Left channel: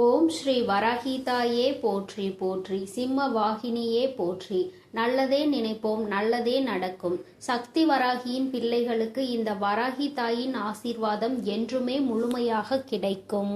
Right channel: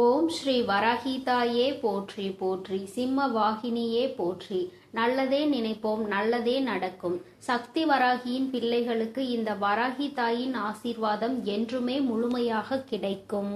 ஓம் ஸ்ரீ வராகிதாயே போற்றி போற்றி, சிம்ம வாகினியே போற்றி. நல்லதே நினைப்போம், நல்லதே நடக்கும். சக்தி வராகியின் பிள்ளைகளுக்கு இந்த வராகி தாயின் ஆசீர்வாதம் என்றுமே முழுமையாக கிடைக்கும்.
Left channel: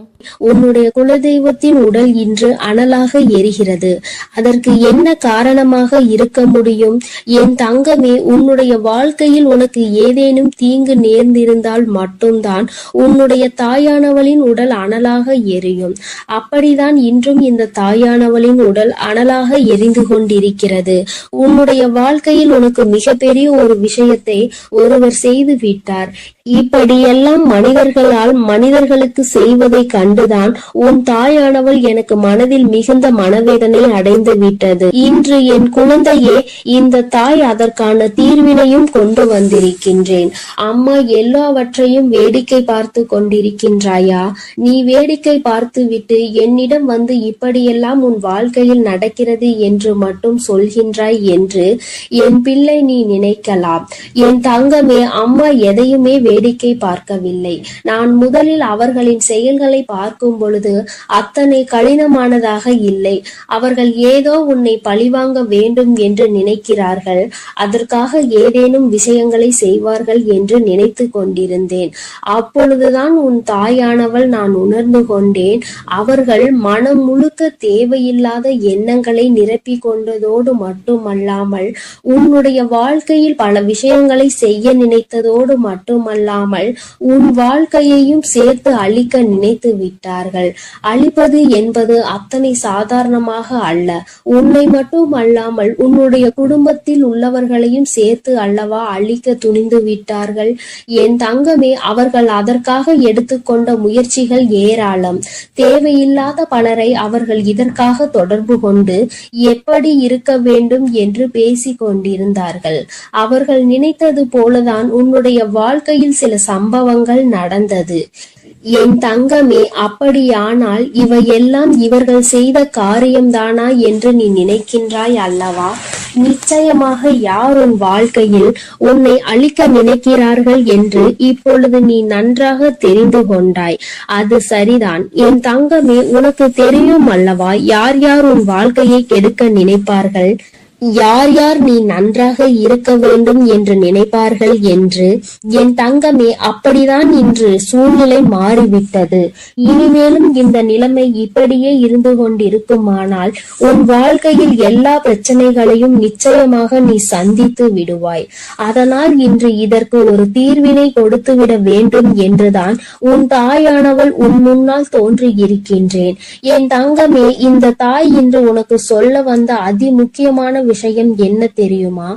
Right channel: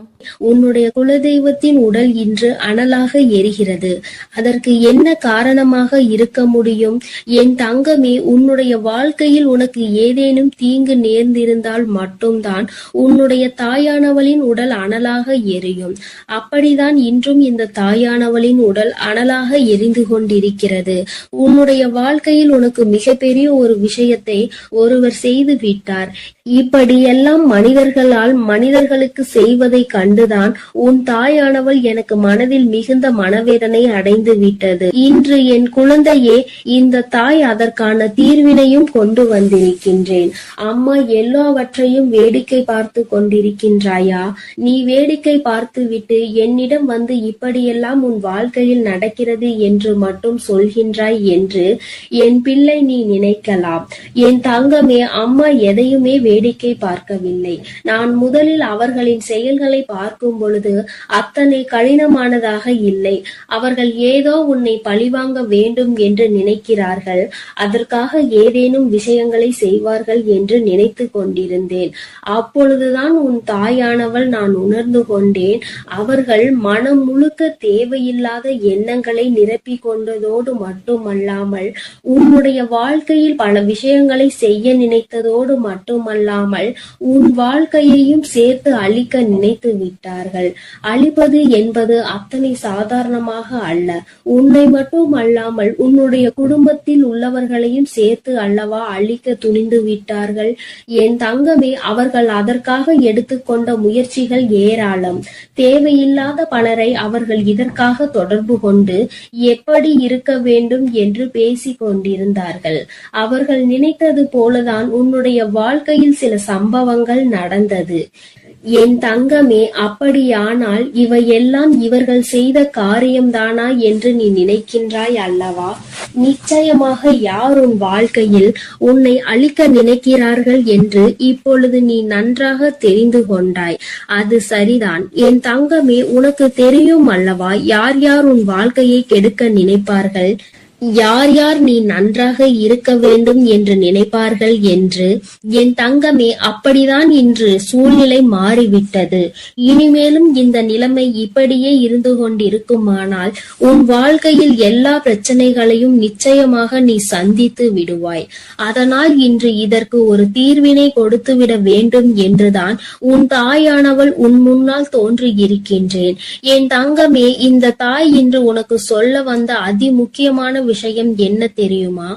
உன்னுடைய குலதெய்வத்தின் உடல் இன்று அனலாக எரிகிறது. அதற்கு என்ன காரணமாக இருக்க முடியும்? என் தங்கமே, உன்னுடைய வாழ்க்கையில் உனக்கு ஏதேனும் தீங்கு நேர்ந்திருந்தால் மட்டும்தான் உன்னுடைய தாயானவளின் உடல் அனலாக எரியும். அப்படிதான் இன்றும் இந்த தாயானவளின் உடல் அனலாக எரிந்து கொண்டிருக்கிறது. உன்னுடைய வாழ்க்கையில் உனக்கு மிகப்பெரிய ஒரு விஷயத்தை ஒருவர் செய்து விட்டார். இப்படியெல்லாம் மனிதர்களால் மனிதர்களுக்கு செய்வதை கண்டுதான் உன் தாயானவள் எனக்கு மனதில் மிகுந்த மனவேதனை அடைந்து விட்டது. இன்று என் குழந்தையே, இந்த தாய் அதற்கான தீர்வினையும் கொண்டு வந்திருக்கின்றேன். அம்மா, எல்லாவற்றையும் வேடிக்கை பார்த்து கொண்டிருக்கின்றாயா? நீ வேடிக்கை பார்த்து விட்டு என்னிடம் வந்து இப்படியெல்லாம் உன் வாழ்க்கையில் நடக்கிறது என்று மட்டும் சொல்கின்றாய் என்று என் பிள்ளை நீ நினைக்கலாம். என் தங்கமே, அம்மா எதையுமே வேடிக்கை பார்க்கவில்லை. நான் முதலில் அவர்களின் செயல்களை பார்க்கும் பொழுது அத்தனை கடினமானதாக இல்லை. அவர்கள் ஏதோ உன்னை பழிவாங்க வேண்டும் என்று நினைக்கிறார்கள். அதற்காக ஏதேனும் விஷயங்களை செய்வார்கள் என்று நினைத்து கொண்டிருந்தேன். அப்பொழுதுதான் உன் தாயானவள் நான் உணர்ந்து கொண்டேன். அவர்கள் மனம் முழுக்க தேவையில்லாத எண்ணங்களை நிரப்பி கொண்டதோடு மட்டுமல்லாமல் உன்னுடைய வாழ்க்கையில் பல விஷயங்களை செய்ய நினைத்ததோடு மட்டுமல்லாமல் உன் வாழ்க்கையையும் சேர்த்து அழிக்க நினைத்து விட்டார்கள். அழிப்பது என்பது அத்தனை சாதாரணமாக அல்ல. உன்னை மட்டும் அல்லாமல் உன்னுடைய குடும்பத்தில் உள்ளவர்களையும் சேர்த்து அல்லவா அழிக்க துணிந்து விட்டார்கள். என் தங்கமே, அவர்கள் அதற்காக எடுத்துக்கொண்ட முயற்சிகள் ஏராளம். தேவையில்லாத பலரை அவர்கள் இதற்காக தொடர்பு கொண்டு எப்படி இருக்க வேண்டும் என்று பேசிக் கொண்டிருந்தார்கள். அவர்கள் நினைத்தது போலதான் உன்னுடைய வாழ்க்கையில் சில சம்பவங்கள் நடந்தது. என் தங்கமே, அப்படியானால் இவையெல்லாம் இவர்கள் செய்த காரியம்தானா என்று நீ நினைக்கின்றாய் அல்லவா? நிச்சயமாக யார் உன் வாழ்க்கையில் உன்னை அழிக்க நினைக்கிறார்கள் என்று இப்பொழுது நீ நன்றாக தெரிந்து கொண்டாய். அது சரிதான் என் தங்கமே, உனக்கு தெரியும் அல்லவா யார் யார் உன் வாழ்க்கையை கெடுக்க நினைப்பார்கள், யார் யார் நீ நன்றாக இருக்க வேண்டும் என்று நினைப்பார்கள் என்று. என் தங்கமே, அப்படிதான் இன்று சூழ்நிலை மாறிவிட்டது. இனிமேலும் இந்த நிலைமை இப்படியே இருந்து கொண்டிருக்குமானால் உன் வாழ்க்கையில் எல்லா பிரச்சனைகளையும் நிச்சயமாக நீ சந்தித்து விடுவாய். அதனால் இன்று இதற்கு ஒரு தீர்வினை கொடுத்துவிட வேண்டும் என்றுதான் உன் தாயானவள் உன் முன்னால் தோன்றி இருக்கின்றேன். என் தங்கமே, இந்த தாய் இன்று உனக்கு சொல்ல வந்த அதி முக்கியமான விஷயம் என்ன தெரியுமா?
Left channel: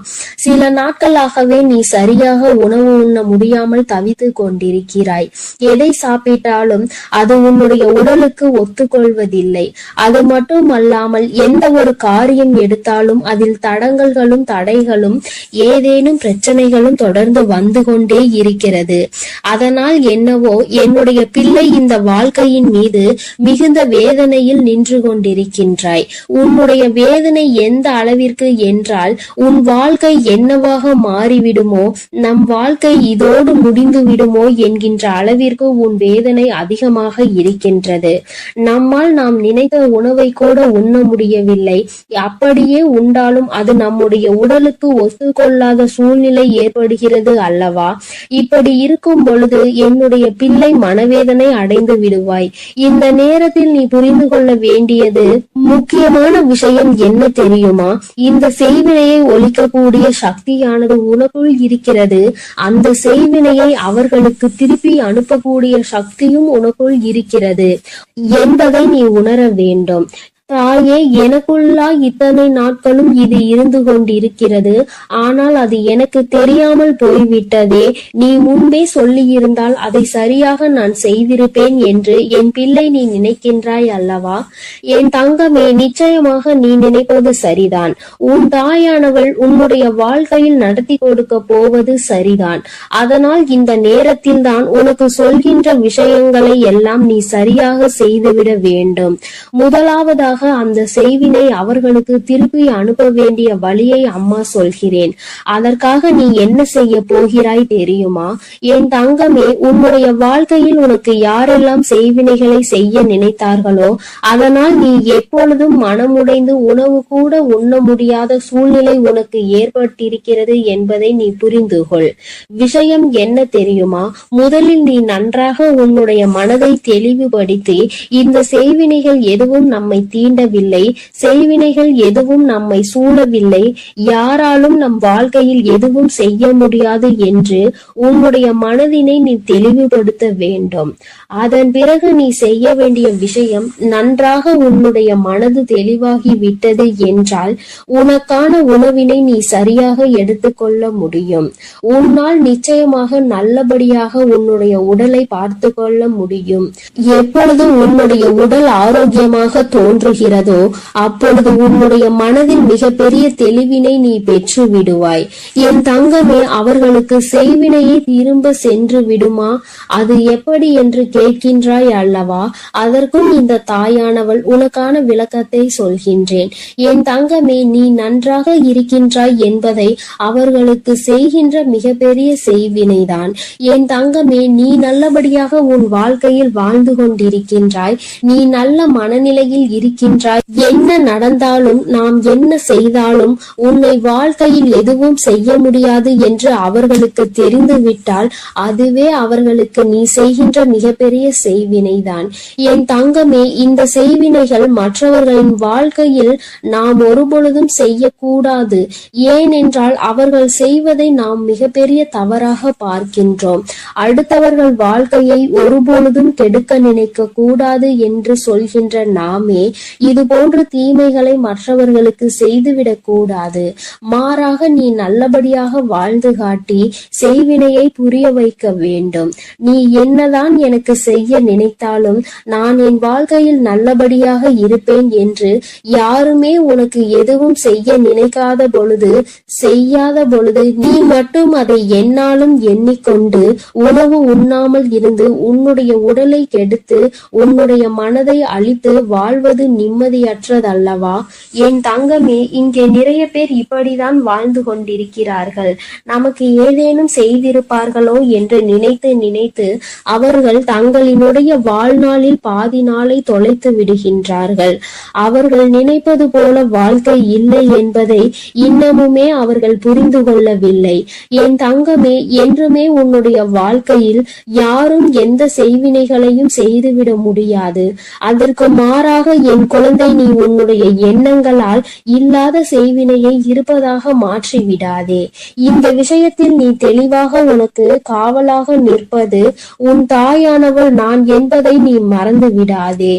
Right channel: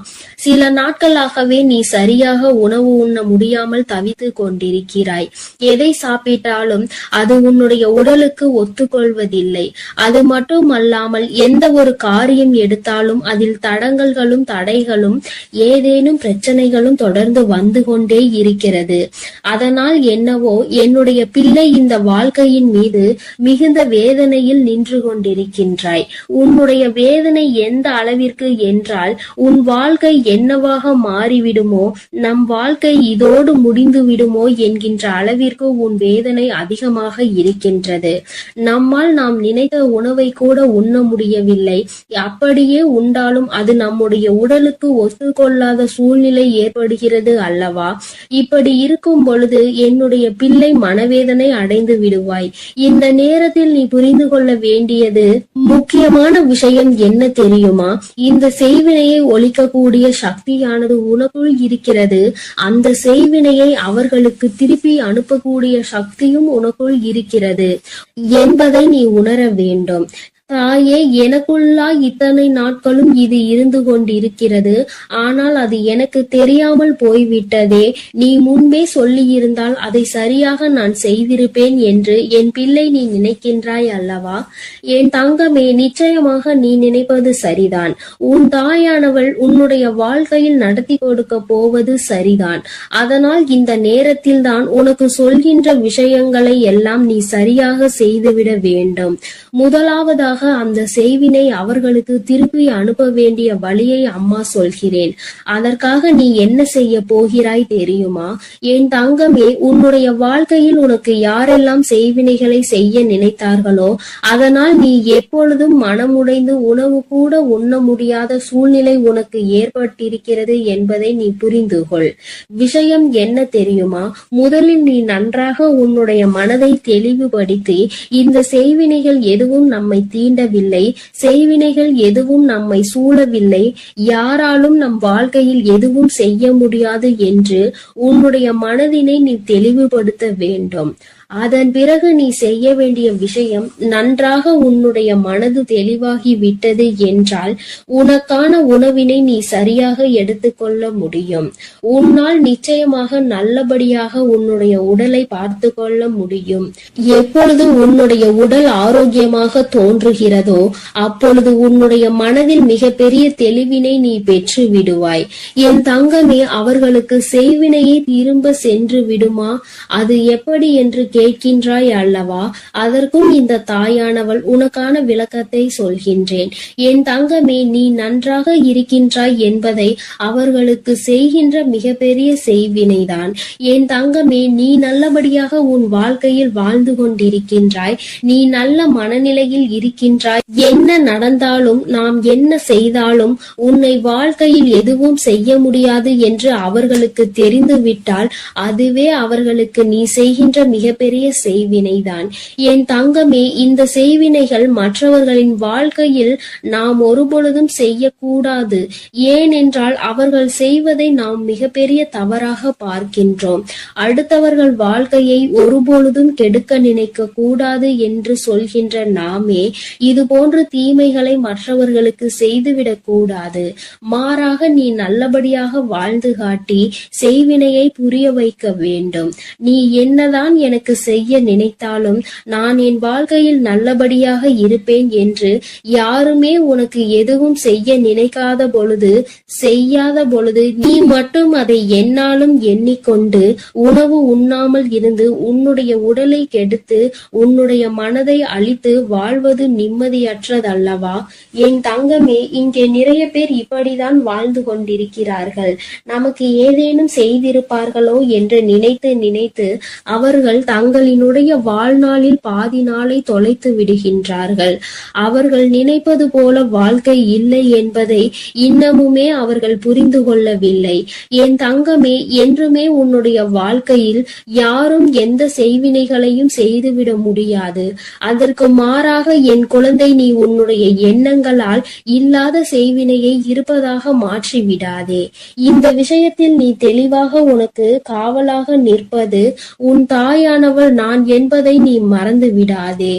சில நாட்களாகவே நீ சரியாக உணவு உண்ண முடியாமல் தவித்து கொண்டிருக்கிறாய். எதை சாப்பிட்டாலும் அது உன்னுடைய உடலுக்கு ஒத்துக்கொள்வதில்லை. அது மட்டும் அல்லாமல் எந்த ஒரு காரியம் எடுத்தாலும் அதில் தடங்கல்களும் தடைகளும் ஏதேனும் பிரச்சனைகளும் தொடர்ந்து வந்து கொண்டே இருக்கிறது. அதனால் என்னவோ என்னுடைய பிள்ளை இந்த வாழ்க்கையின் மீது மிகுந்த வேதனையில் நின்று கொண்டிருக்கின்றாய். உன்னுடைய வேதனை எந்த அளவிற்கு என்றால் உன் வாழ்க்கை என்னவாக மாறிவிடுமோ, நம் வாழ்க்கை இதோடு முடிந்து விடுமோ என்கின்ற அளவிற்கு உன் வேதனை அதிகமாக இருக்கின்றது. நம்மால் நாம் நினைத்த உணவை கூட உண்ண முடியவில்லை. அப்படியே உண்டாலும் அது நம்முடைய உடலுக்கு ஒத்துக்கொள்ளாத சூழ்நிலை ஏற்படுகிறது அல்லவா? இப்படி இருக்கும் பொழுது என்னுடைய பிள்ளை மனவேதனை அடைந்து விடுவாய். இந்த நேரத்தில் நீ புரிந்து கொள்ள வேண்டியது முக்கியமான விஷயம் என்ன தெரியுமா? இந்த செய்வினையை ஒழிக்கக்கூடிய சக்தியானது உனக்குள் இருக்கிறது. அந்த செய்வினையை அவர்களுக்கு திருப்பி அனுப்பக்கூடிய சக்தியும் உனக்குள் இருக்கிறது என்பதை நீ உணர வேண்டும். தாயே, எனக்குள்ளா இத்தனை நாட்களும் இது இருந்து கொண்டிருக்கிறது. ஆனால் அது எனக்கு தெரியாமல் போய்விட்டதே. நீ முன்பே சொல்லி இருந்தால் அதை சரியாக நான் செய்திருப்பேன் என்று என் பிள்ளை நீ நினைக்கின்றாய் அல்லவா? என் தங்கமே, நிச்சயமாக நீ நினைப்பது சரிதான். உன் தாயானவள் உன்னுடைய வாழ்க்கையில் நடத்தி கொடுக்க போவது சரிதான். அதனால் இந்த நேரத்தில் தான் உனக்கு சொல்கின்ற விஷயங்களை எல்லாம் நீ சரியாக செய்துவிட வேண்டும். முதலாவதாக அதற்காக அந்த செய்வினை அவர்களுக்கு திருப்பி அனுப்ப வேண்டிய வழியை அம்மா சொல்கிறேன். அதற்காக நீ என்ன செய்ய போகிறாய் தெரியுமா? என் தங்கமே, உன்னுடைய வாழ்க்கையில் உனக்கு யாரெல்லாம் செய்வினைகளை செய்ய நினைத்தார்களோ அதனால் நீ எப்பொழுதும் மனமுடைந்து உணவு கூட உண்ண முடியாத சூழ்நிலை உனக்கு ஏற்பட்டிருக்கிறது என்பதை நீ புரிந்து கொள். விஷயம் என்ன தெரியுமா? முதலில் நீ நன்றாக உன்னுடைய மனதை தெளிவுபடுத்தி இந்த செய்வினைகள் எதுவும் நம்மை தீண்டவில்லை, செய்வினைகள் எதுவும் நம்மை சூழவில்லை, யாராலும் நம் வாழ்க்கையில் எதுவும் செய்ய முடியாது என்று உன்னுடைய மனதினை நீ தெளிவுபடுத்த வேண்டும். அதன் பிறகு நீ செய்ய வேண்டிய விஷயம், நன்றாக உன்னுடைய மனது தெளிவாகி விட்டது என்றால் உனக்கான உணவினை நீ சரியாக எடுத்துக்கொள்ள முடியும். உன்னால் நிச்சயமாக நல்லபடியாக உன்னுடைய உடலை பார்த்து கொள்ள முடியும். எப்பொழுது உன்னுடைய உடல் ஆரோக்கியமாக தோன்றுகிறதோ அப்பொழுது உன்னுடைய மனதில் மிகப்பெரிய தெளிவினை நீ பெற்று விடுவாய். என் தங்கமே, அவர்களுக்கு செய்வினையை திரும்ப சென்று விடுமா? அது எப்படி என்று கேட்கின்றாய் அல்லவா? அதற்கும் இந்த தாயானவள் உனக்கான விளக்கத்தை சொல்கின்றேன். என் தங்கமே, நீ நன்றாக இருக்கின்றாய் என்பதை அவர்களுக்கு செய்கின்ற மிகப்பெரிய செய்வினைதான். என் தங்கமே, நீ நல்லபடியாக உன் வாழ்க்கையில் வாழ்ந்து கொண்டிருக்கின்றாய், நீ நல்ல மனநிலையில் இருக்கின்றாய். என்ன நடந்தாலும் நாம் என்ன செய்தாலும் உன்னை வாழ்க்கையில் எதுவும் செய்ய முடியாது என்று அவர்களுக்கு தெரிந்துவிட்டால் அதுவே அவர்களுக்கு நீ செய்கின்ற மிகப்பெரிய செய்வினைதான். என் தங்கமே, இந்த செய்வினைகள் மற்றவர்களின் வாழ்க்கையில் நாம் ஒருபொழுதும் செய்யக்கூடாது. ஏனென்றால் அவர்கள் செய்வதை நாம் மிகப்பெரிய தவறாக பார்க்கின்றோம். அடுத்தவர்கள் வாழ்க்கையை ஒருபொழுதும் கெடுக்க நினைக்க கூடாது என்று சொல்கின்ற நாமே இது போன்ற தீமைகளை மற்றவர்களுக்கு செய்துவிடக் கூடாது. மாறாக நீ நல்லபடியாக வாழ்ந்து காட்டி செய்வினையை புரிய வைக்க வேண்டும். நீ என்னதான் எனக்கு செய்ய நினைத்தாலும் நான் என் வாழ்க்கையில் நல்லபடியாக இருப்பேன் என்று யாருமே உனக்கு எதுவும் செய்ய நினைக்காத பொழுது, செய்யாத பொழுது நீ மட்டும் அதை என்னாலும் எண்ணிக்கொண்டு உணவு உண்ணாமல் இருந்து உன்னுடைய உடலை கெடுத்து உன்னுடைய மனதை அழித்து வாழ்வது நிம்மதியற்றதல்லவா? என் தங்கமே, இங்கே நிறைய பேர் இப்படிதான் வாழ்ந்து கொண்டிருக்கிறார்கள். நமக்கு ஏதேனும் செய்திருப்பார்களோ என்று நினைத்து நினைத்து அவர்கள் தங்களினுடைய வாழ்நாளில் பாதி நாளை தொலைத்து விடுகின்றார்கள். அவர்கள் நினைப்பது போல வாழ்க்கை இல்லை என்பதை இன்னமுமே அவர்கள் புரிந்து கொள்ளவில்லை. என் தங்கமே, என்றுமே உன்னுடைய வாழ்க்கையில் யாரும் எந்த செய்வினைகளையும் செய்துவிட முடியாது. அதற்கு மாறாக என் குழந்தை, நீ உன்னுடைய எண்ணங்களால் இல்லாத செய்வினையை இருப்பதாக மாற்றி விடாதே. இந்த விஷயத்தில் நீ தெளிவாக உனக்கு காவலாக நிற்பது உன் தாயானவள் நான் என்பதை நீ மறந்து விடாதே.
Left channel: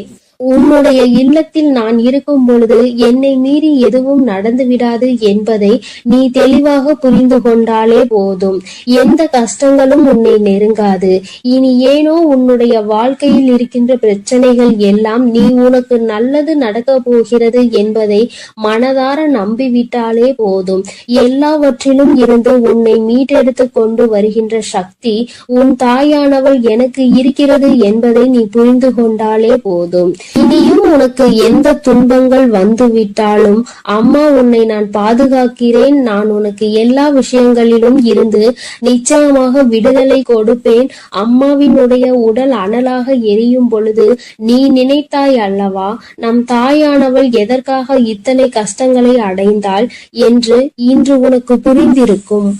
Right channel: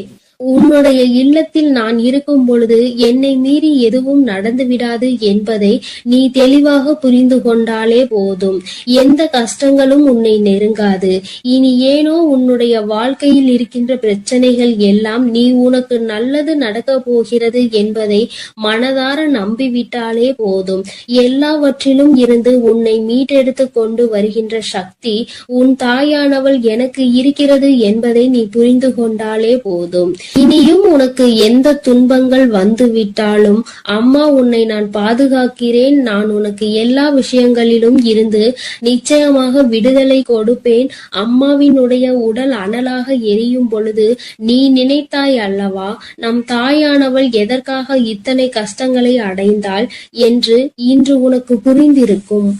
உன்னுடைய இல்லத்தில் நான் இருக்கும் பொழுது என்னை மீறி எதுவும் நடந்து விடாது என்பதை நீ தெளிவாக புரிந்து கொண்டாலே போதும். எந்த கஷ்டங்களும் உன்னை நெருங்காது. இனி ஏனோ உன்னுடைய வாழ்க்கையில் இருக்கின்ற பிரச்சனைகள் எல்லாம் நீ உனக்கு நல்லது நடக்க போகிறது என்பதை மனதார நம்பிவிட்டாலே போதும். எல்லாவற்றிலும் இருந்து உன்னை மீட்டெடுத்து கொண்டு வருகின்ற சக்தி உன் தாயானவள் எனக்கு இருக்கிறது என்பதை நீ புரிந்து கொண்டாலே போதும். இனியும் உனக்கு எந்த துன்பங்கள் வந்துவிட்டாலும் அம்மா உன்னை நான் பாதுகாக்கிறேன். நான் உனக்கு எல்லா விஷயங்களிலும் இருந்து நிச்சயமாக விடுதலை கொடுப்பேன். அம்மாவினுடைய உடல் அனலாக எரியும் பொழுது நீ நினைத்தாய் அல்லவா, நம் தாயானவள் எதற்காக இத்தனை கஷ்டங்களை அடைந்தாள் என்று இன்று உனக்கு புரிந்திருக்கும்.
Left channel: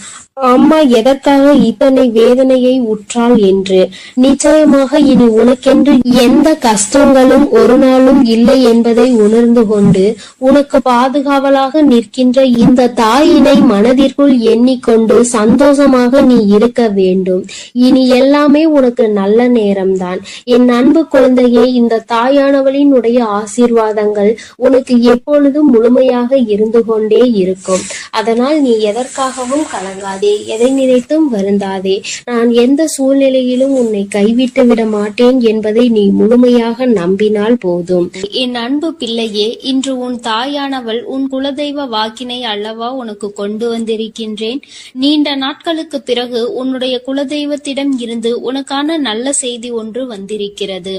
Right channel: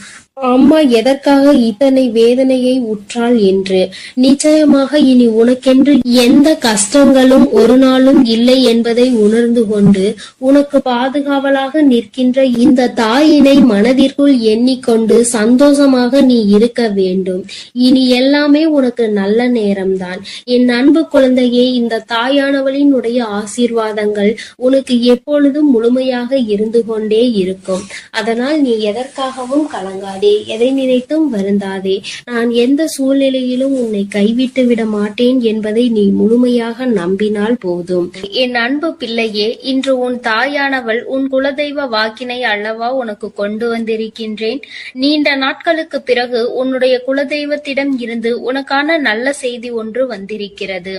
அம்மா எதற்காக இத்தனை வேதனையை உற்றாள் என்று. நிச்சயமாக இனி உனக்கென்று எந்த கஷ்டங்களும் ஒரு நாளும் இல்லை என்பதை உணர்ந்து கொண்டு உனக்கு பாதுகாவலாக நிற்கின்ற இந்த தாயினை மனதிற்குள் எண்ணிக்கொண்டு சந்தோஷமாக நீ இருக்க வேண்டும். இனி எல்லாமே உனக்கு நல்ல நேரம்தான். என் அன்பு குழந்தையே, இந்த தாயானவளின் உடைய ஆசீர்வாதங்கள் உனக்கு எப்பொழுதும் முழுமையாக இருந்து கொண்டே இருக்கும். அதனால் நீ எதற்காகவும் கலங்காதே, எதை நினைத்தும் வருந்தாதே. நான் எந்த சூழ்நிலையிலும் உன்னை கைவிட்டு விட மாட்டேன் என்பதை நீ முழுமையாக நம்பினால் போதும். என் அன்பு பிள்ளையே, இன்று உன் தாயானவள் உன் குலதெய்வ வாக்கினை அல்லவா உனக்கு கொண்டு வந்திருக்கின்றேன். நீண்ட நாட்களுக்கு பிறகு உன்னுடைய குலதெய்வத்திடம் இருந்து உனக்கான நல்ல செய்தி ஒன்று வந்திருக்கிறது.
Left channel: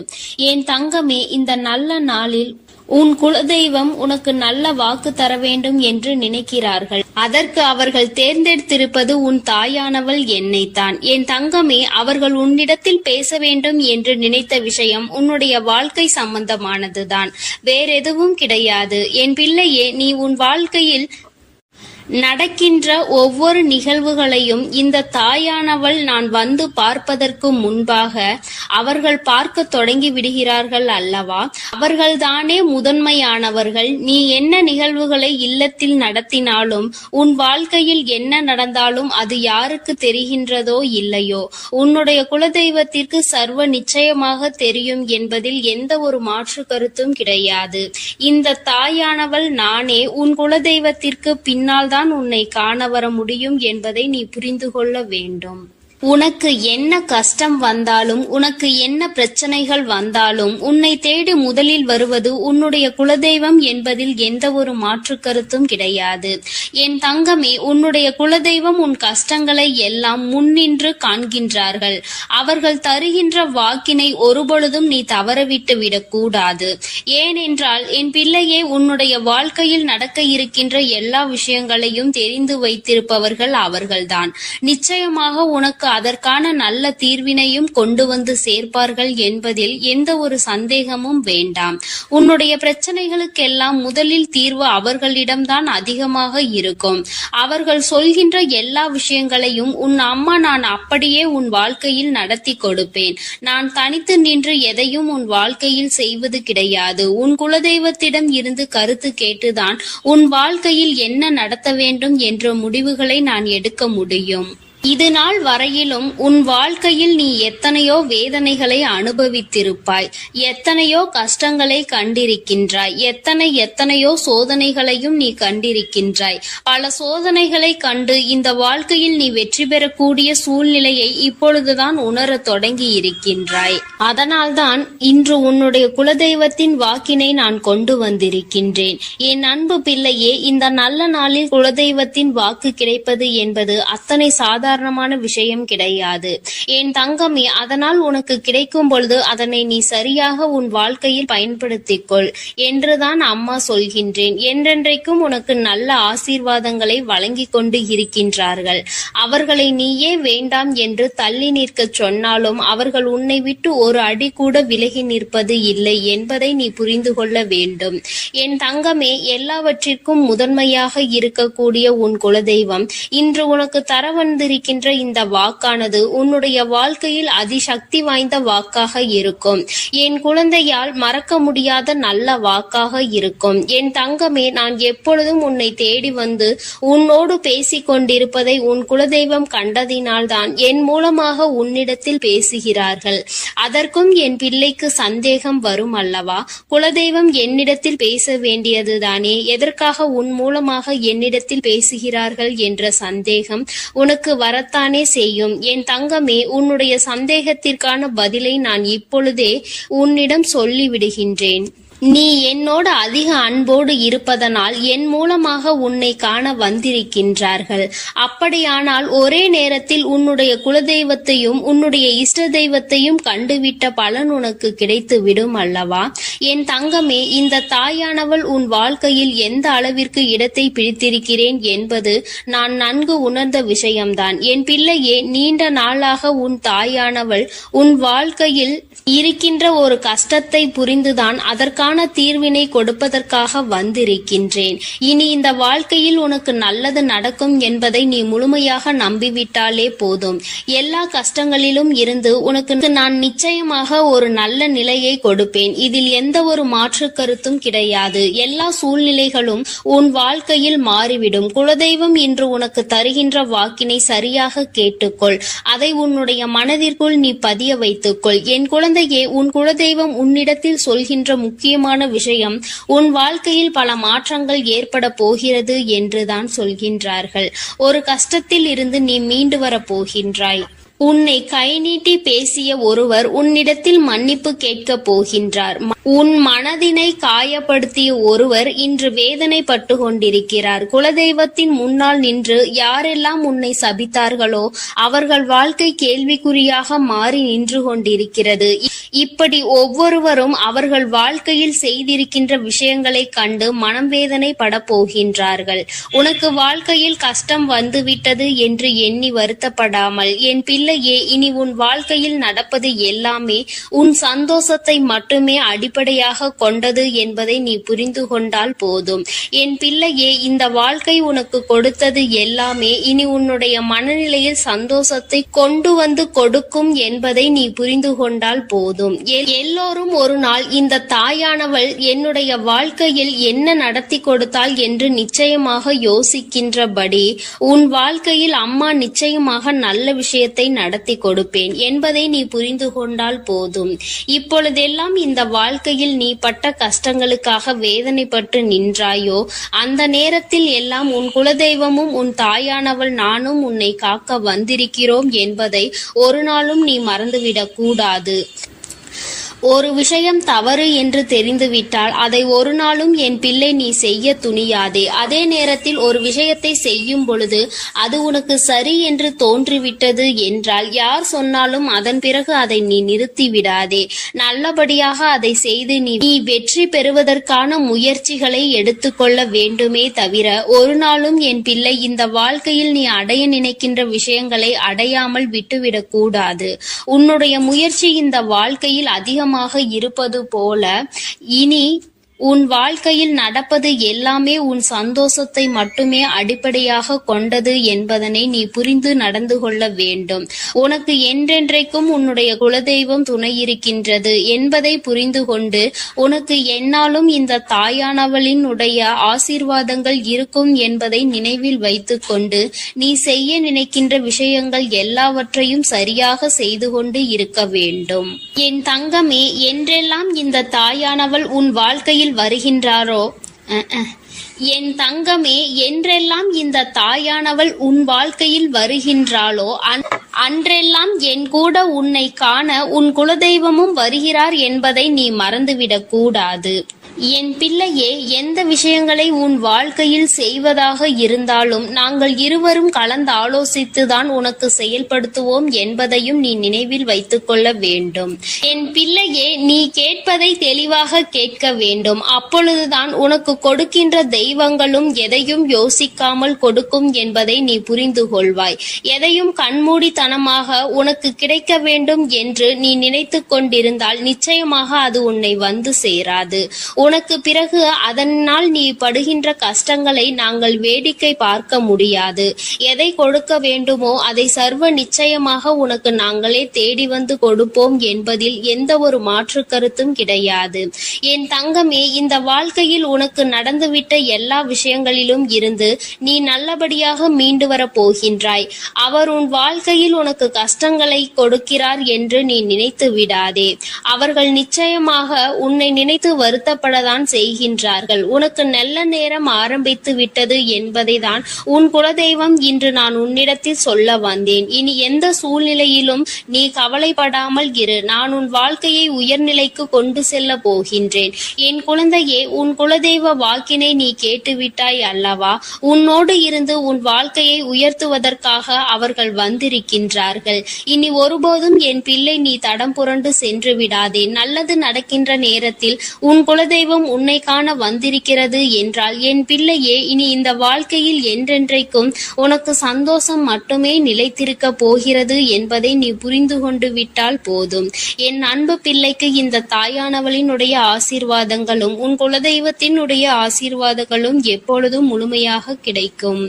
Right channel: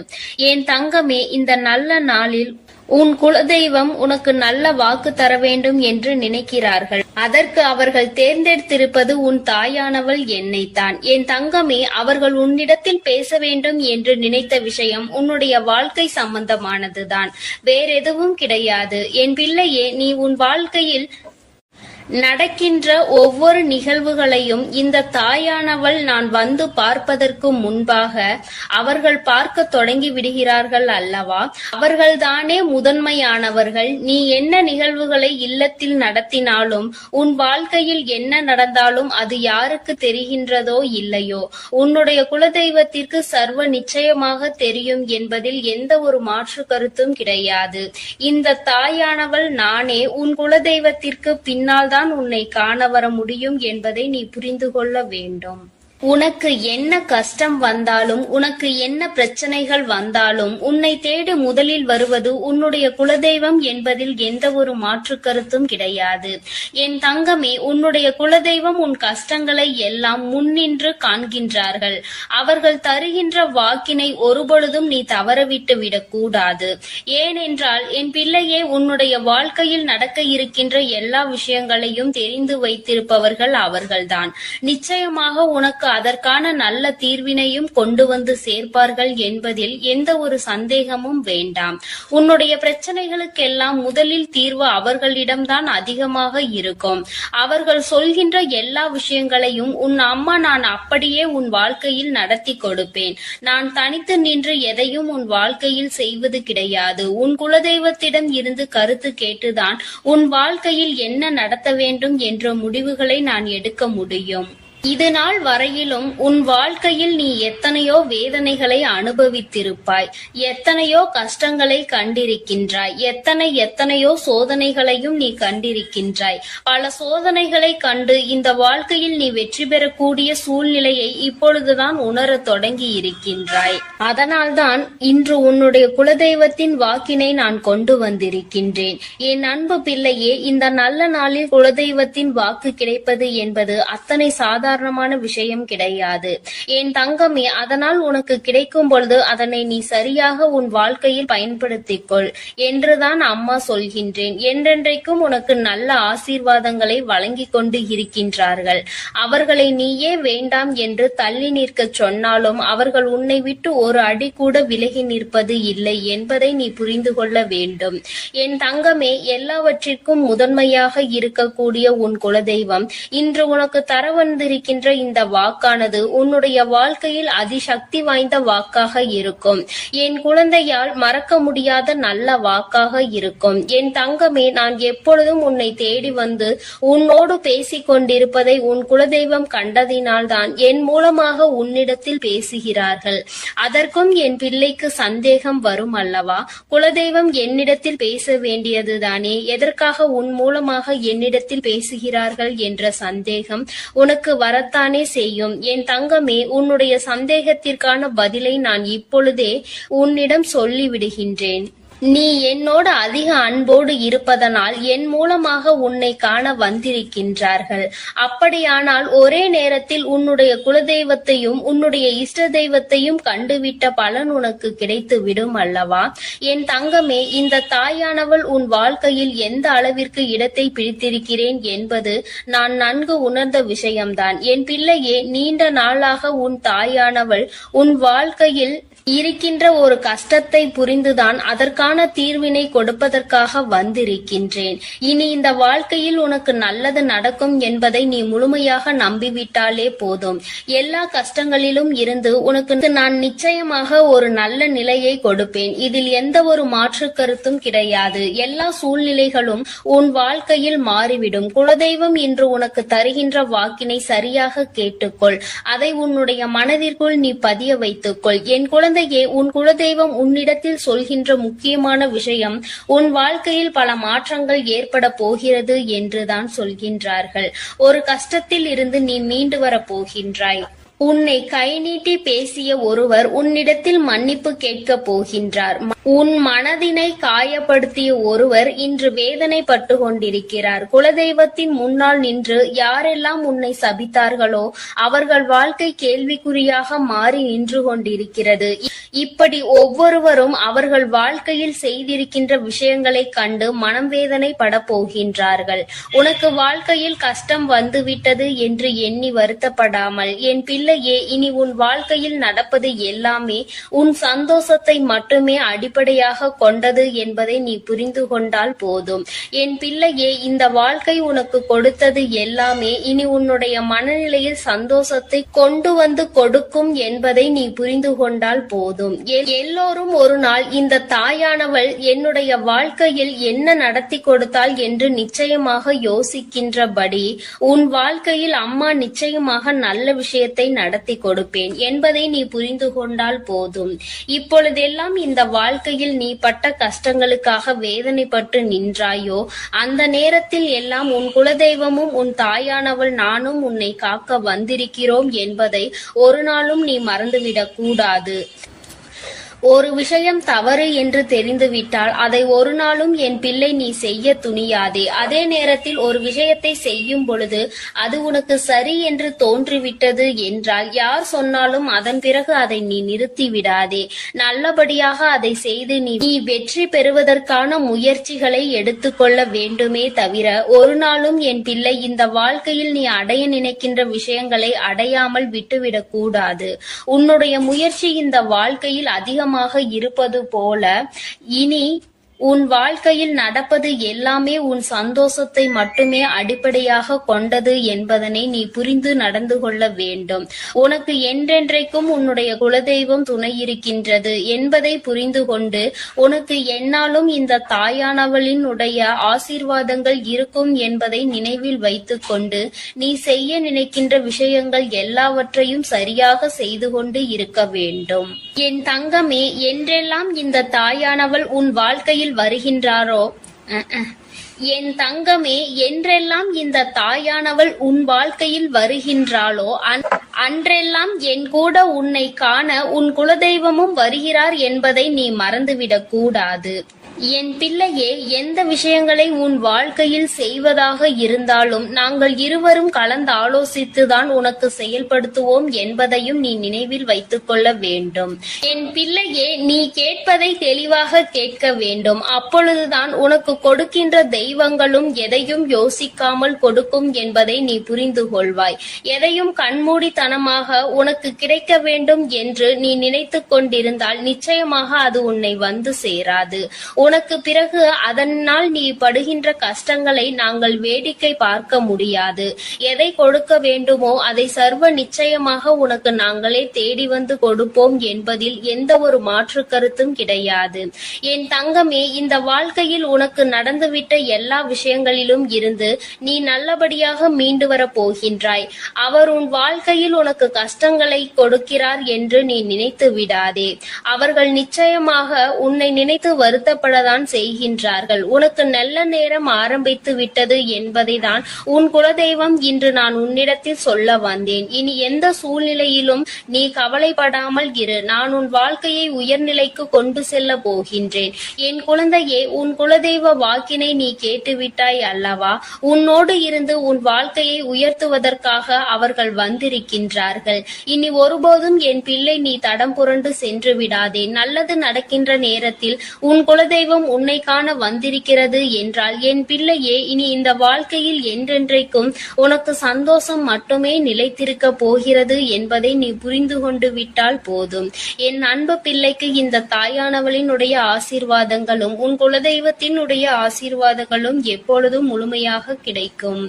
என் தங்கமே, இந்த நல்ல நாளில் உன் குலதெய்வம் உனக்கு நல்ல வாக்கு தர வேண்டும் என்று நினைக்கிறார்கள். அதற்கு அவர்கள் தேர்ந்தெடுத்திருப்பது உன் தாயானவள் என்னைத்தான். என் தங்கமே, அவர்கள் உன்னிடத்தில் பேச வேண்டும் என்று நினைத்த விஷயம் உன்னுடைய வாழ்க்கை சம்பந்தமானதுதான், வேறெதுவும் கிடையாது. என் பிள்ளையே, நீ உன் வாழ்க்கையில் நடக்கின்ற ஒவ்வொரு நிகழ்வுகளையும் இந்த தாயானவள் நான் வந்து பார்ப்பதற்கு முன்பாக அவர்கள் பார்க்க தொடங்கி விடுகிறார்கள் அல்லவா? அவர்கள்தானே முதன்மையானவர்கள். நீ என்ன நிகழ்வுகளை இல்லத்தில் நடத்தினாலும், உன் வாழ்க்கையில் என்ன நடந்தாலும் அது யாருக்கு தெரிகின்றதோ இல்லையோ, உன்னுடைய குலதெய்வத்திற்கு சர்வ நிச்சயமாக தெரியும் என்பதில் எந்த ஒரு மாற்று கருத்தும் கிடையாது. இந்த தாயானவள் நானே உன் குலதெய்வத்திற்கு பின்னால் தான் உன்னை காண வர முடியும் என்பதை நீ புரிந்து கொள்ள வேண்டும். உனக்கு என்ன கஷ்டம் வந்தாலும், உனக்கு என்ன பிரச்சனைகள் வந்தாலும், உன்னை தேடி முதலில் வருவது உன்னுடைய குலதெய்வம் என்பதில் எந்த ஒரு மாற்று கருத்தும் கிடையாது. என் தங்கமே, உன்னுடைய குலதெய்வம் உன் கஷ்டங்களை எல்லாம் முன்னின்று காண்கின்றார்கள். அவர்கள் தருகின்ற வாக்கினை ஒருபொழுதும் நீ தவறவிட்டு விடக்கூடாது. ஏனென்றால் என் பிள்ளையே, உன்னுடைய வாழ்க்கையில் நடக்க இருக்கின்ற எல்லா விஷயங்களையும் தெரிந்து வைத்திருப்பவர்கள் அவர்கள்தான். நிச்சயமாக உனக்கு அதற்கான நல்ல தீர்வினையும் கொண்டு வந்து சேர்ப்பார்கள் என்பதில் எந்த ஒரு சந்தேகமும் வேண்டாம். உன்னுடைய பிரச்சனைகளுக்கெல்லாம் முதலில் தீர்வு அவர்களிடம்தான் அதிகமாக இருக்கும். அவர்கள் சொல்கின்ற எல்லா விஷயங்களையும் உன் அம்மா நான் அப்படியே உன் வாழ்க்கையில் நடத்தி கொடுப்பேன். நான் தனித்து நின்று எதையும் உன் வாழ்க்கையில் செய்வது கிடையாது. உன் குலதெய்வத்திடம் இருந்து கருத்து கேட்டுதான் உன் வாழ்க்கையில் என்ன நடத்த வேண்டும் என்ற முடிவுகளை நான் எடுக்க முடியும். இது நாள் வரையிலும் உன் வாழ்க்கையில் நீ எத்தனையோ வேதனைகளை அனுபவித்திருப்பாய், எத்தனையோ கஷ்டங்களை கண்டிருக்கின்றாய், எத்தனையோ சோதனைகளையும் நீ கண்டிருக்கின்றாய். பல சோதனைகளை கண்டு இந்த வாழ்க்கையில் நீ வெற்றி பெறக்கூடிய சூழ்நிலையை இப்பொழுதுதான் உணர தொடங்கி இருக்கின்றாய். அதனால்தான் இன்று உன்னுடைய குலதெய்வத்தின் வாக்கினை நான் கொண்டு வந்திருக்கின்றேன். என் அன்பு பிள்ளையே, இந்த நல்ல நாளில் குலதெய்வத்தின் வாக்கு கிடைப்பது என்பது அத்தனை சாதாரணமான விஷயம் கிடையாது. என் தங்கமே, அதனால் உனக்கு கிடைக்கும் பொழுது அதனை நீ சரியாக உன் வாழ்க்கையில் பயன்படுத்திக் கொள் என்றுதான் அம்மா சொல்கின்றேன். என்றென்றைக்கும் உனக்கு நல்ல ஆசீர்வாதங்களை வழங்கி கொண்டு இருக்கின்றார்கள். அவர்களை நீயே வேண்டாம் என்று தள்ளி நிற்க சொன்னாலும் அவர்கள் உன்னை விட்டு ஒரு அடி கூட விலகி நிற்பது இல்லை என்பதை நீ புரிந்து கொள்ள வேண்டும். என் தங்கமே, எல்லாவற்றிற்கும் முதன்மையாக இருக்கக்கூடிய உன் குலதெய்வம் இன்று உனக்கு தர வந்திருக்கின்ற இந்த வாக்கானது உன்னுடைய வாழ்க்கையில் அதிசக்தி வாய்ந்த வாக்காக இருக்கும். என் குழந்தையால் மறக்க முடியாத நல்ல வாக்காக இருக்கும். என் தங்கமே, நான் எப்பொழுதும் உன்னை தேடி வந்து உன்னோடு பேசிக் கொண்டிருப்பதை உன் குலதெய்வம் கண்டதினால்தான் என் மூலமாக உன்னிடத்தில் பேசுகிறார்கள். அதற்கும் என் பிள்ளைக்கு சந்தேகம் வரும் அல்லவா? குலதெய்வம் என்னிடத்தில் பேச வேண்டியதுதானே, எதற்காக உன் மூலமாக என்னிடத்தில் பேசுகிறார்கள் என்ற சந்தேகம் உனக்கு வரத்தானே செய்யும். என் தங்கமே, உன்னுடைய சந்தேகத்திற்கான பதிலை நான் இப்பொழுதே உன்னிடம் சொல்லிவிடுகின்றேன். நீ என்னோடு அதிக அன்போடு இருப்பதனால் என் மூலமாக உன்னை காண வந்திருக்கின்றார்கள். அப்படியானால் ஒரே நேரத்தில் உன்னுடைய குலதெய்வத்தையும் உன்னுடைய இஷ்ட தெய்வத்தையும் கண்டுவிட்ட பலன் உனக்கு கிடைத்து விடும் அல்லவா? என் தங்கமே, இந்த தாயானவள் உன் வாழ்க்கையில் எந்த அளவிற்கு இடத்தை பிடித்திருக்கிறேன் என்பது நான் நன்கு உணர்ந்த விஷயம்தான். என் பிள்ளையே, நீண்ட நாளாக உன் தாயானவள் உன் வாழ்க்கையில் இருக்கின்ற ஒரு கஷ்டத்தை புரிந்துதான் அதற்கான தீர்வினை கொடுப்பதற்காக வந்திருக்கின்றேன். இனி இந்த வாழ்க்கையில் உனக்கு நல்லது நடக்கும் என்பதை நீ முழுமையாக நம்பிவிட்டாலே போதும். எல்லா கஷ்டங்களிலும் இருந்து உனக்கு நான் நிச்சயமாக ஒரு நல்ல நிலையை கொடுப்பேன். இதில் எந்த ஒரு மாற்று கருத்தும் கிடையாது. எல்லா சூழ்நிலைகளும் உன் வாழ்க்கையில் மாறிவிடும். குலதெய்வம் இன்று உனக்கு தருகின்ற வாக்கினை சரியாக கேட்டுக்கொள். அதை உன்னுடைய மனதிற்குள் நீ பதிய வைத்துக்கொள். என் குழந்தையே, உன் குலதெய்வம் உன்னிடத்தில் சொல்கின்ற முக்கியமான விஷயம் உன் வாழ்க்கையில் பல மாற்றங்கள் ஏற்பட போகிறது என்றுதான் சொல்கின்றார்கள். ஒரு கஷ்டத்தில் இருந்து நீ மீண்டு வர போகின்றாய். உன்னை கை நீட்டி பேசிய ஒருவர் உன்னிடத்தில் மன்னிப்பு கேட்க போகின்றார். உன் மனதினை காயப்படுத்திய ஒருவர் இன்று வேதனைப்பட்டு கொண்டிருக்கிறார். குலதெய்வத்தின் முன்னால் நின்று யாரெல்லாம் உன்னை சபித்தார்களோ அவர்கள் வாழ்க்கை கேள்விக்குறியாக மாறி நின்று கொண்டிருக்கிறது. இப்படி ஒவ்வொருவரும் அவர்கள் வாழ்க்கையில் செய்திருக்கின்ற விஷயங்களை கண்டு மனம் வேதனைப்பட போகின்றார்கள். உனக்கு வாழ்க்கையில் கஷ்டம் வந்துவிட்டது என்று எண்ணி வருத்தப்படாமல், என் பிள்ளையே, இனி உன் வாழ்க்கையில் நடப்பது எல்லாமே உன் சந்தோஷத்தை மட்டுமே அடிப்படையாக கொண்டது என்பதை நீ புரிந்து கொண்டால் போதும். என் பிள்ளையே, இந்த வாழ்க்கை உனக்கு கொடுத்தது எல்லாமே இனி உன்னுடைய மனநிலையில் சந்தோஷத்தை கொண்டு வந்து கொடுக்கும் என்பதை நீ புரிந்து கொண்டால் போதும். எல்லோரும் ஒரு நாள் இந்த தாயானவள் என்னுடைய வாழ்க்கையில் என்ன நடத்தி கொடுத்தாள் என்று நிச்சயமாக யோசிக்கின்றபடி உன் வாழ்க்கையில் அம்மா நிச்சயமாக நல்ல விஷயத்தை நடத்தி கொடுப்பேன் என்பதை நீ புரிந்து கொண்டால் போதும். இப்பொழுதெல்லாம் இந்த வாழ்க்கையில் நீ பட்ட கஷ்டங்களுக்காக வேதனைப்பட்டு நின்றாயோ, அந்த நேரத்தில் எல்லாம் உன் குலதெய்வமும் உன் தாயானவள் நானும் உன்னை காக்க வந்திருக்கிறோம் என்பதை ஒரு நாளும் நீ மறந்துவிடக் கூடாது. ஒரு விஷயம் தவறு என்று தெரிந்துவிட்டால் அதை ஒரு நாளும் என் பிள்ளை நீ செய்ய துணியாதே. அதே நேரத்தில் ஒரு விஷயத்தை செய்யும் பொழுது அது உனக்கு சரி என்று தோன்றிவிட்டது என்றால் யார் சொன்னாலும் அதன் பிறகு அதை நீ நிறுத்தி விடாதே. நல்லபடியாக அதை செய்து நீ வெற்றி பெறுவதற்கான முயற்சிகளை எடுத்துக்கொள்ள வேண்டுமே தவிர ஒரு நாளும் என் பிள்ளை இந்த வாழ்க்கையில் நீ அடைய நினைக்கின்ற விஷயங்களை அடையாமல் விட்டுவிடக் கூடாது. உன்னுடைய முயற்சி இந்த வாழ்க்கையில் அதிகமாக இருப்பது போல இனி உன் வாழ்க்கையில் நடப்பது எல்லாமே உன் சந்தோஷத்தை மட்டுமே அடிப்படையாக கொண்டது என்பதனை நீ புரிந்து நடந்து கொள்ள வேண்டும். உனக்கு என்றென்றைக்கும் உன்னுடைய குலதெய்வம் துணை இருக்கின்றது என்பதை புரிந்து கொண்டு உனக்கு என்னாலும் இந்த தாயானவளின் உடைய ஆசீர்வாதங்கள் இருக்கும் என்பதை நினைவில் வைத்துக் கொண்டு நீ செய்ய நினைக்கின்ற விஷயங்கள் எல்லாவற்றையும் சரியாக செய்து கொண்டு இருக்க வேண்டும். என் தங்கமே, என்றெல்லாம் இந்த தாயானவள் உன் வாழ்க்கையில் வருகின்றாரோ என் தங்கமே, என்றெல்லாம் இந்த தாயானவள் உன் வாழ்க்கையில் வருகின்றாளோ அன்றெல்லாம் என் கூட உன்னை காண உன் குலதெய்வமும் வருகிறார் என்பதை நீ மறந்துவிடக் கூடாது. என் பிள்ளையே, எந்த விஷயங்களை உன் வாழ்க்கையில் செய்வதாக இருந்தாலும் நாங்கள் இருவரும் கலந்து ஆலோசித்துதான் உனக்கு செயல்படுத்துவோம் என்பதையும் நீ நினைவில் வைத்துக் கொள்ள வேண்டும். என் பிள்ளையே, நீ கேட்பதை தெளிவாக கேட்க வேண்டும். அப்பொழுதுதான் உனக்கு கொடுக்கின்ற தெய்வங்களும் எதையும் யோசிக்காமல் கொடுக்கும் என்பதை நீ புரிந்து கொள்வாய். எதையும் கண்மூடித்தனமாக உனக்கு கிடைக்க வேண்டும் என்று நீ நினைத்து கொண்டிருந்தால் நிச்சயமாக அது உன்னை வந்து சேராது. உனக்கு பிறகு அதனால் நீ படுகின்ற கஷ்டங்களை நாங்கள் வேடிக்கை பார்க்க முடியாது. எதை கொடுக்க வேண்டுமோ அதை சர்வ நிச்சயமாக உனக்கு நாங்களே தேடி வந்து கொடுப்போம் என்பதில் எந்த ஒரு மாற்று கருத்தும் கிடையாது. என் தங்கமே, இந்த வாழ்க்கையில் உனக்கு நடந்துவிட்ட எல்லா விஷயங்களிலும் இருந்து நீ நல்லபடியாக மீண்டு வர போகின்றாய். அவர் உன் வாழ்க்கையில் உனக்கு கஷ்டங்களை கொடுக்கிறார் என்று நீ நினைத்து விடாதே. அவர்கள் நிச்சயமாக உன்னை நினைத்து வருத்தப்படதான் செய்கின்றார்கள். உனக்கு நல்ல நேரம் ஆரம்பித்து விட்டது என்பதை தான் உன் குலதெய்வம் இன்று நான் உன்னிடத்தில் சொல்ல வந்தேன். இனி எந்த சூழ்நிலையிலும் நீ கவலைப்படாமல் இரு. நான் உன் வாழ்க்கையை உயர்நிலைக்கு கொண்டு செல்ல போகின்றேன். என் குழந்தையே, உன் குலதெய்வ வாக்கினை நீ கேட்டுவிட்டாய் அல்லவா? உன்னோடு இருந்து உன் வாழ்க்கையை உயர்த்துவதற்காக அவர்கள் வந்திருக்கின்றார்கள். இனி ஒருபோதும் என் பிள்ளை நீ தடம் புரண்டு சென்று விடாதே. நல்லது நடக்கின்ற நேரத்தில் உன் குலதெய்வம் உன்னை காண வந்திருக்கிறது என்றால் என் பிள்ளையே, இனி இந்த வாழ்க்கையில் என்றென்றைக்கும் உனக்கு சந்தோஷம் மட்டுமே நிலைத்திருக்க போகிறது என்பதை நீ புரிந்து கொண்டு விட்டால் போதும். என் அன்பு பிள்ளைக்கு இந்த தாயானவளினுடைய ஆசீர்வாதங்களும் உன் குலதெய்வத்தினுடைய ஆசீர்வாதங்களும் எப்பொழுதும் முழுமையாக கிடைக்கும்.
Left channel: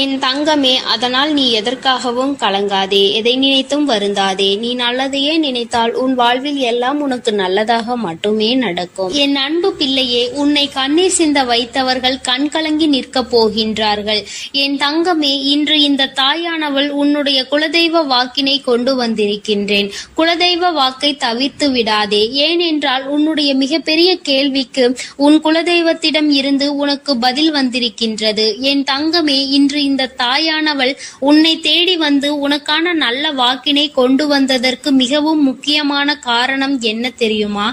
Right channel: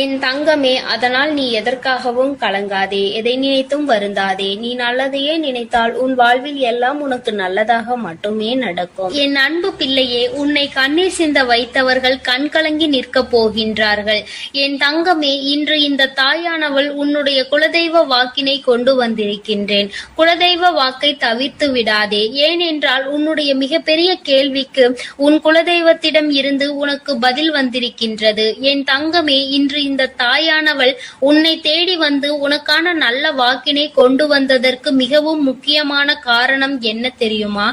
என் தங்கமே, அதனால் நீ எதற்காகவும் கலங்காதே, எதை நினைத்தும் வருந்தாதே. நீ நல்லதையே நினைத்தால் உன் வாழ்வில் எல்லாம் உனக்கு நல்லதாக மட்டுமே நடக்கும். என் அன்பு பிள்ளையே, உன்னை கண்ணீர் சிந்த வைத்தவர்கள் கண் கலங்கி நிற்க போகின்றார்கள். என் தங்கமே, இன்று இந்த தாயானவள் உன்னுடைய குலதெய்வ வாக்கினை கொண்டு வந்திருக்கின்றேன். குலதெய்வ வாக்கை தவிர்த்து விடாதே. ஏனென்றால் உன்னுடைய மிகப்பெரிய கேள்விக்கு உன் குலதெய்வத்திடம் இருந்து உனக்கு பதில் வந்திருக்கின்றது. என் தங்கமே, இன்று இந்த தாயானவள் உன்னை தேடி வந்து உனக்கான நல்ல வாக்கினை கொண்டு வந்ததற்கு மிகவும் முக்கியமான காரணம் என்ன தெரியுமா?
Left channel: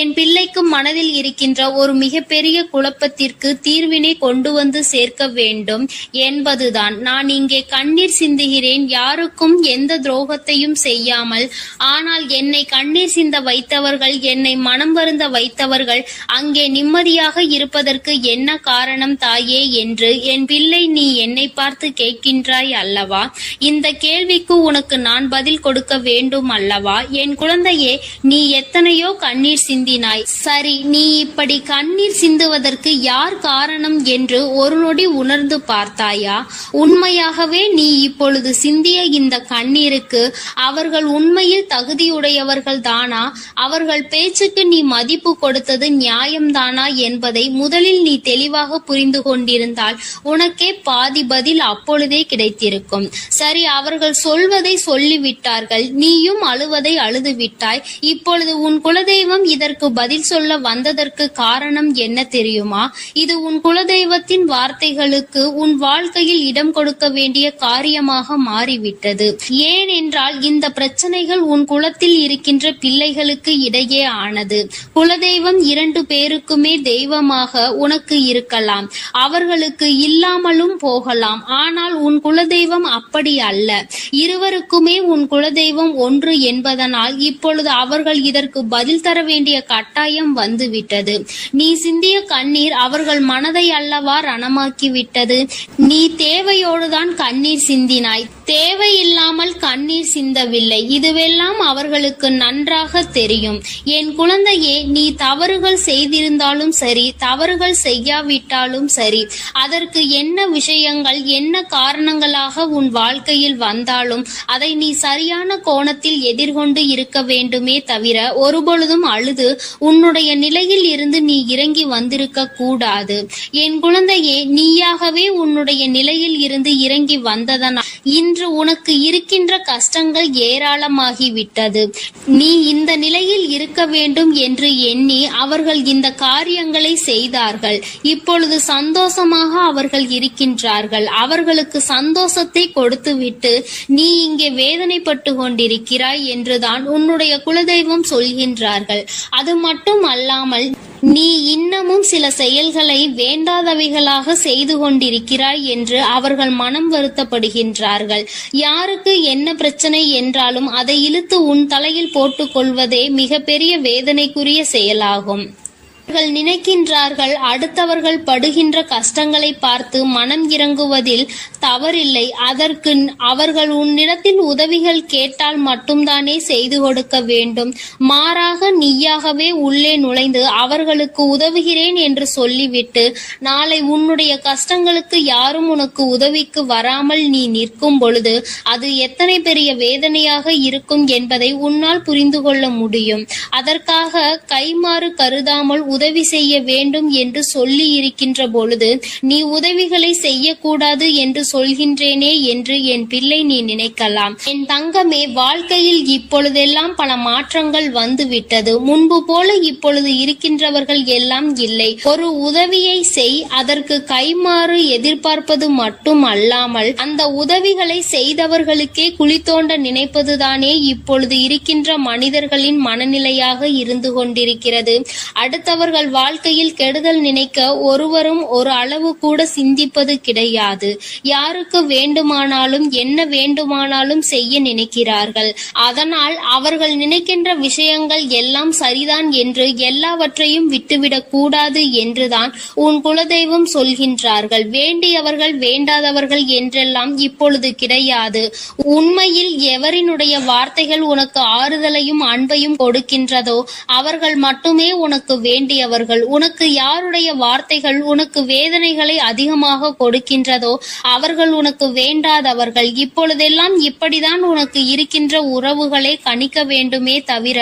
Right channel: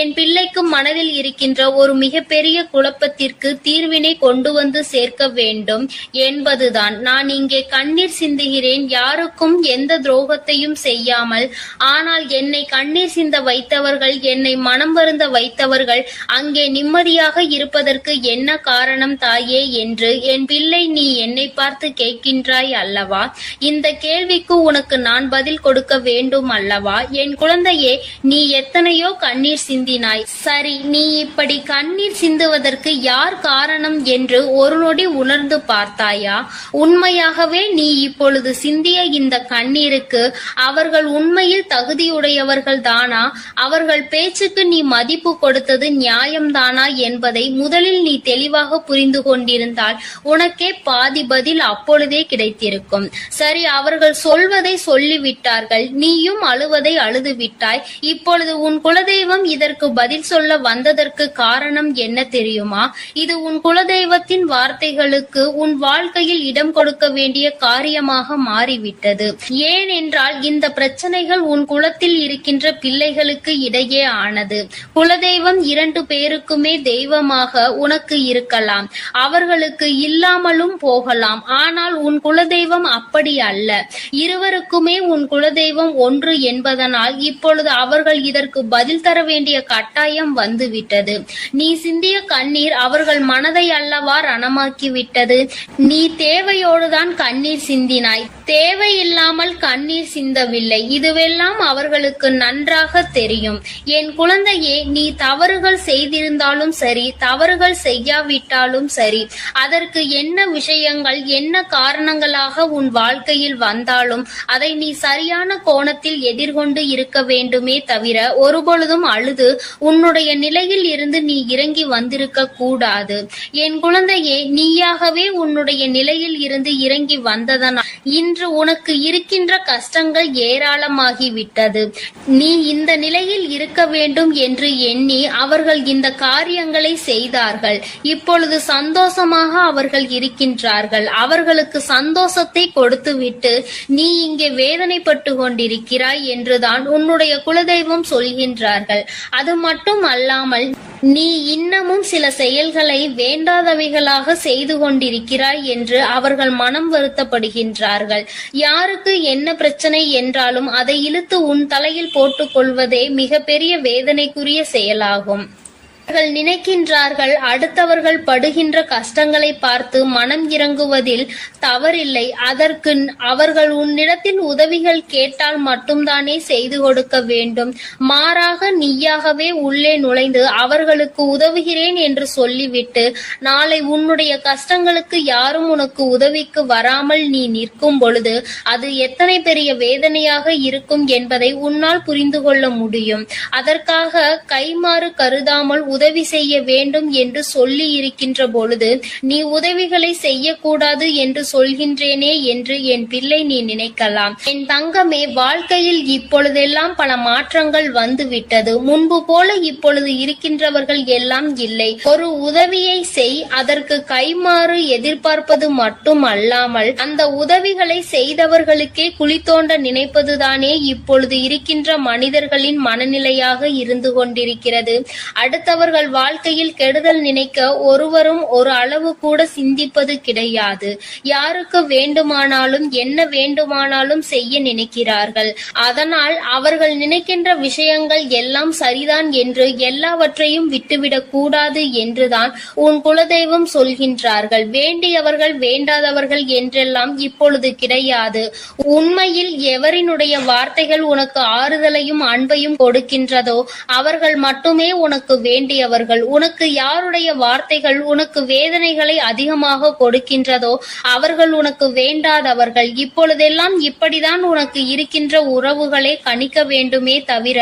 என் பிள்ளைக்கு மனதில் இருக்கின்ற ஒரு மிகப்பெரிய குழப்பத்திற்கு தீர்வினை கொண்டு வந்து சேர்க்க வேண்டும் என்பதுதான். நான் இங்கே கண்ணீர் சிந்துகிறேன், யாருக்கும் எந்த துரோகத்தையும் செய்யாமல். ஆனால் என்னை கண்ணீர் சிந்த வைத்தவர்கள், என்னை மனம் வருந்த வைத்தவர்கள் அங்கே நிம்மதியாக இருப்பதற்கு என்ன காரணம் தாயே என்று என் பிள்ளை நீ என்னை பார்த்து கேட்கின்றாய் அல்லவா? இந்த கேள்விக்கு உனக்கு நான் பதில் கொடுக்க வேண்டும் அல்லவா? என் குழந்தையே, நீ எத்தனையோ கண்ணீர் சிந்தினாய். சரி, நீ இப்படி கண்ணீர் சிந்துவதற்கு யார் காரணம் என்று ஒரு நொடி உணர்ந்து பார்த்தாயா? உண்மையாகவே நீ இப்பொழுது சிந்திய இந்த கண்ணீருக்கு அவர்கள் உண்மையில் தகுதியுடையவர்கள் தானா? அவர்கள் பேச்சுக்கு நீ மதிப்பு கொடுத்தது நியாயம்தானா என்பதை முதலில் நீ தெளிவாக புரிந்து கொண்டிருந்தால் உனக்கே பாதி பதில் அப்பொழுதே கிடைத்திருக்கும். சரி, அவர்கள் சொல்வதை சொல்லிவிட்டார்கள், நீயும் அழுவதை அழுது விட்டாய். இப்பொழுது உன் குலதெய்வம் இதற்கு பதில் சொல்ல வந்ததற்கு காரணம் என்ன தெரியுமா? இது உன் குலதெய்வத்தின் வார்த்தைகளுக்கு உன் வாழ்க்கையில் இடம் கொடுக்க வேண்டிய காரியமாக மாறிவிட்டது. ஏனென்றால் இந்த பிரச்சனைகள் உன் குலத்தில் இருக்கின்ற பிள்ளைகளுக்கு இடையே ஆனது. குலதெய்வம் 2 பேருக்குமே தெய்வமாக உனக்கு இருக்கலாம், அவர்களுக்கு இல்லாமலும் போகலாம். ஆனால் உன் குலதெய்வம் அப்படி அல்ல. இருவருக்குமே உன் குலதெய்வம் ஒன்று என்பதனால் இப்பொழுது அவர்கள் இதற்கு பதில் தர வேண்டிய கட்டாயம் வந்துவிட்டது. நீ சிந்திய கண்ணீர் அவர்கள் மனதை அல்லவா ரணமாக்கி விட்டது. நீ தேவையோடுதான் கண்ணீர் சிந்தினாய், தேவையில்லாமல் கண்ணீர் சிந்தவில்லை. இதுவெல்லாம் அவர்களுக்கு நன்றாக தெரியும். என் குழந்தையே, நீ தவறுகள் செய்திருந்தாலும் சரி, தவறுகள் செய்யாவிட்டாலும் சரி, அதற்கு என்ன விஷயங்கள் என்ன காரணங்களாக உன் வாழ்க்கையில் வந்தாலும் அதை நீ சரியான கோணத்தில் எதிர்கொண்டு இருக்க வேண்டுமே தவிர ஒருபொழுதும் அழுது உன்னுடைய நிலையில் இருந்து நீ இறங்கி வந்திருக்க கூடாது. என் குழந்தையே, நீயாகவே உன்னுடைய நிலையில் இருந்து இறங்கி வந்ததனால் இன்று உனக்கு இருக்கின்ற கஷ்டங்கள் ஏராளமாகிவிட்டது. நீ இந்த நிலையில் இருக்க வேண்டும் என்று எண்ணி அவர்கள் இந்த காரியங்களை செய்தார்கள். இப்பொழுது சந்தோஷமாக அவர்கள் இருக்கின்றார்கள். அவர்களுக்கு சந்தோஷத்தை கொடுத்துவிட்டு நீ இங்கே வேதனைப்பட்டு கொண்டிருக்கிறாய் என்றுதான் உன்னுடைய குலதெய்வம் சொல்கின்றார்கள். அது மட்டும் அல்லாமல் நீ இன்னமும் சில செயல்களை வேண்டாதவைகளாக செய்து கொண்டிருக்கிறாய் என்று அவர்கள் மனம் வருத்தப்படுகின்றார்கள். யாருக்கு என்ன பிரச்சனை என்றாலும் அதை இழுத்து உன் தலையில் போட்டுக் கொள்வதே மிகப்பெரிய வேதனைக்குரிய செயலாகும். அவர்கள் நினைக்கின்றார்கள் அடுத்தவர்கள் படுகின்ற கஷ்டங்களை பார்த்து மனம் இறங்குவதில் தவறில்லை. அதற்கு அவர்கள் உன்னிடத்தில் உதவிகள் கேட்டால் மட்டும்தானே செய்து கொடுக்க வேண்டும். மாறாக நீயாகவே உள்ளே நுழைந்து அவர்களுக்கு உதவுகிறேன் என்று சொல்லிவிட்டு நாளை உன்னுடைய கஷ்டங்களுக்கு யாரும் உனக்கு உதவிக்கு வராமல் நீ நிற்கும் பொழுது அது எத்தனை பெரிய வேதனையாக இருக்கும் என்பதை உன்னால் புரிந்து கொள்ள முடியும். அதற்காக கைமாறு கருதாமல் உதவி செய்ய வேண்டும் என்று சொல்லி இருக்கின்ற பொழுது நீ உதவிகளை செய்யக்கூடாது என்று சொல்கின்றேனே என்று என் பிள்ளை நீ நினைக்கலாம். என் தங்கமே, வாழ்க்கையில் இப்பொழுதெல்லாம் பல மாற்றங்கள் வந்துவிட்டது. முன்பு போல இப்பொழுது இருக்கின்றவர்கள் எல்லாம் இல்லை. ஒரு உதவியை செய், அதற்கு கைமாறு எதிர்பார்ப்பது மட்டும் அல்லாமல் அந்த உதவிகளை செய்தவர்களுக்கே குழி தோண்ட நினைப்பதுதானே இப்பொழுது இருக்கின்ற மனிதர்களின் மனநிலையாக இருந்து கொண்டிருக்கிறது. அடுத்தவர்கள் வாழ்க்கையில் கெடுதல் நினைக்க ஒருவரும் ஒரு அளவு கூட சிந்திப்பது கிடையாது. யாருக்கு வேண்டுமானாலும் என்ன வேண்டுமானாலும் செய்ய நினைக்கிறார்கள். அதனால் அவர்கள் நினைக்கின்ற விஷயங்கள் எல்லாம் சரிதான் என்று எல்லாவற்றையும் விட்டுவிடக் கூடாது என்றுதான் உன் குலதெய்வம் சொல்கின்றார்கள். வேண்டியவர்கள் வேண்டாதவர்கள் என்றெல்லாம் இப்பொழுது கிடையாது. உண்மையில் எவரினுடைய வார்த்தைகள் உனக்கு ஆறுதலையும் அன்பையும் கொடுக்கின்றதோ அவர்கள் மட்டுமே உனக்கு வேண்டியவர்கள். உனக்கு யாருடைய வார்த்தைகள் உனக்கு வேதனைகளை அதிகமாக கொடுக்கின்றதோ அவர்கள் உனக்கு வேண்டாதவர்கள். இப்பொழுதெல்லாம் இப்படிதான் உனக்கு இருக்கின்ற உறவுகளை கணிக்க வேண்டுமே தவிர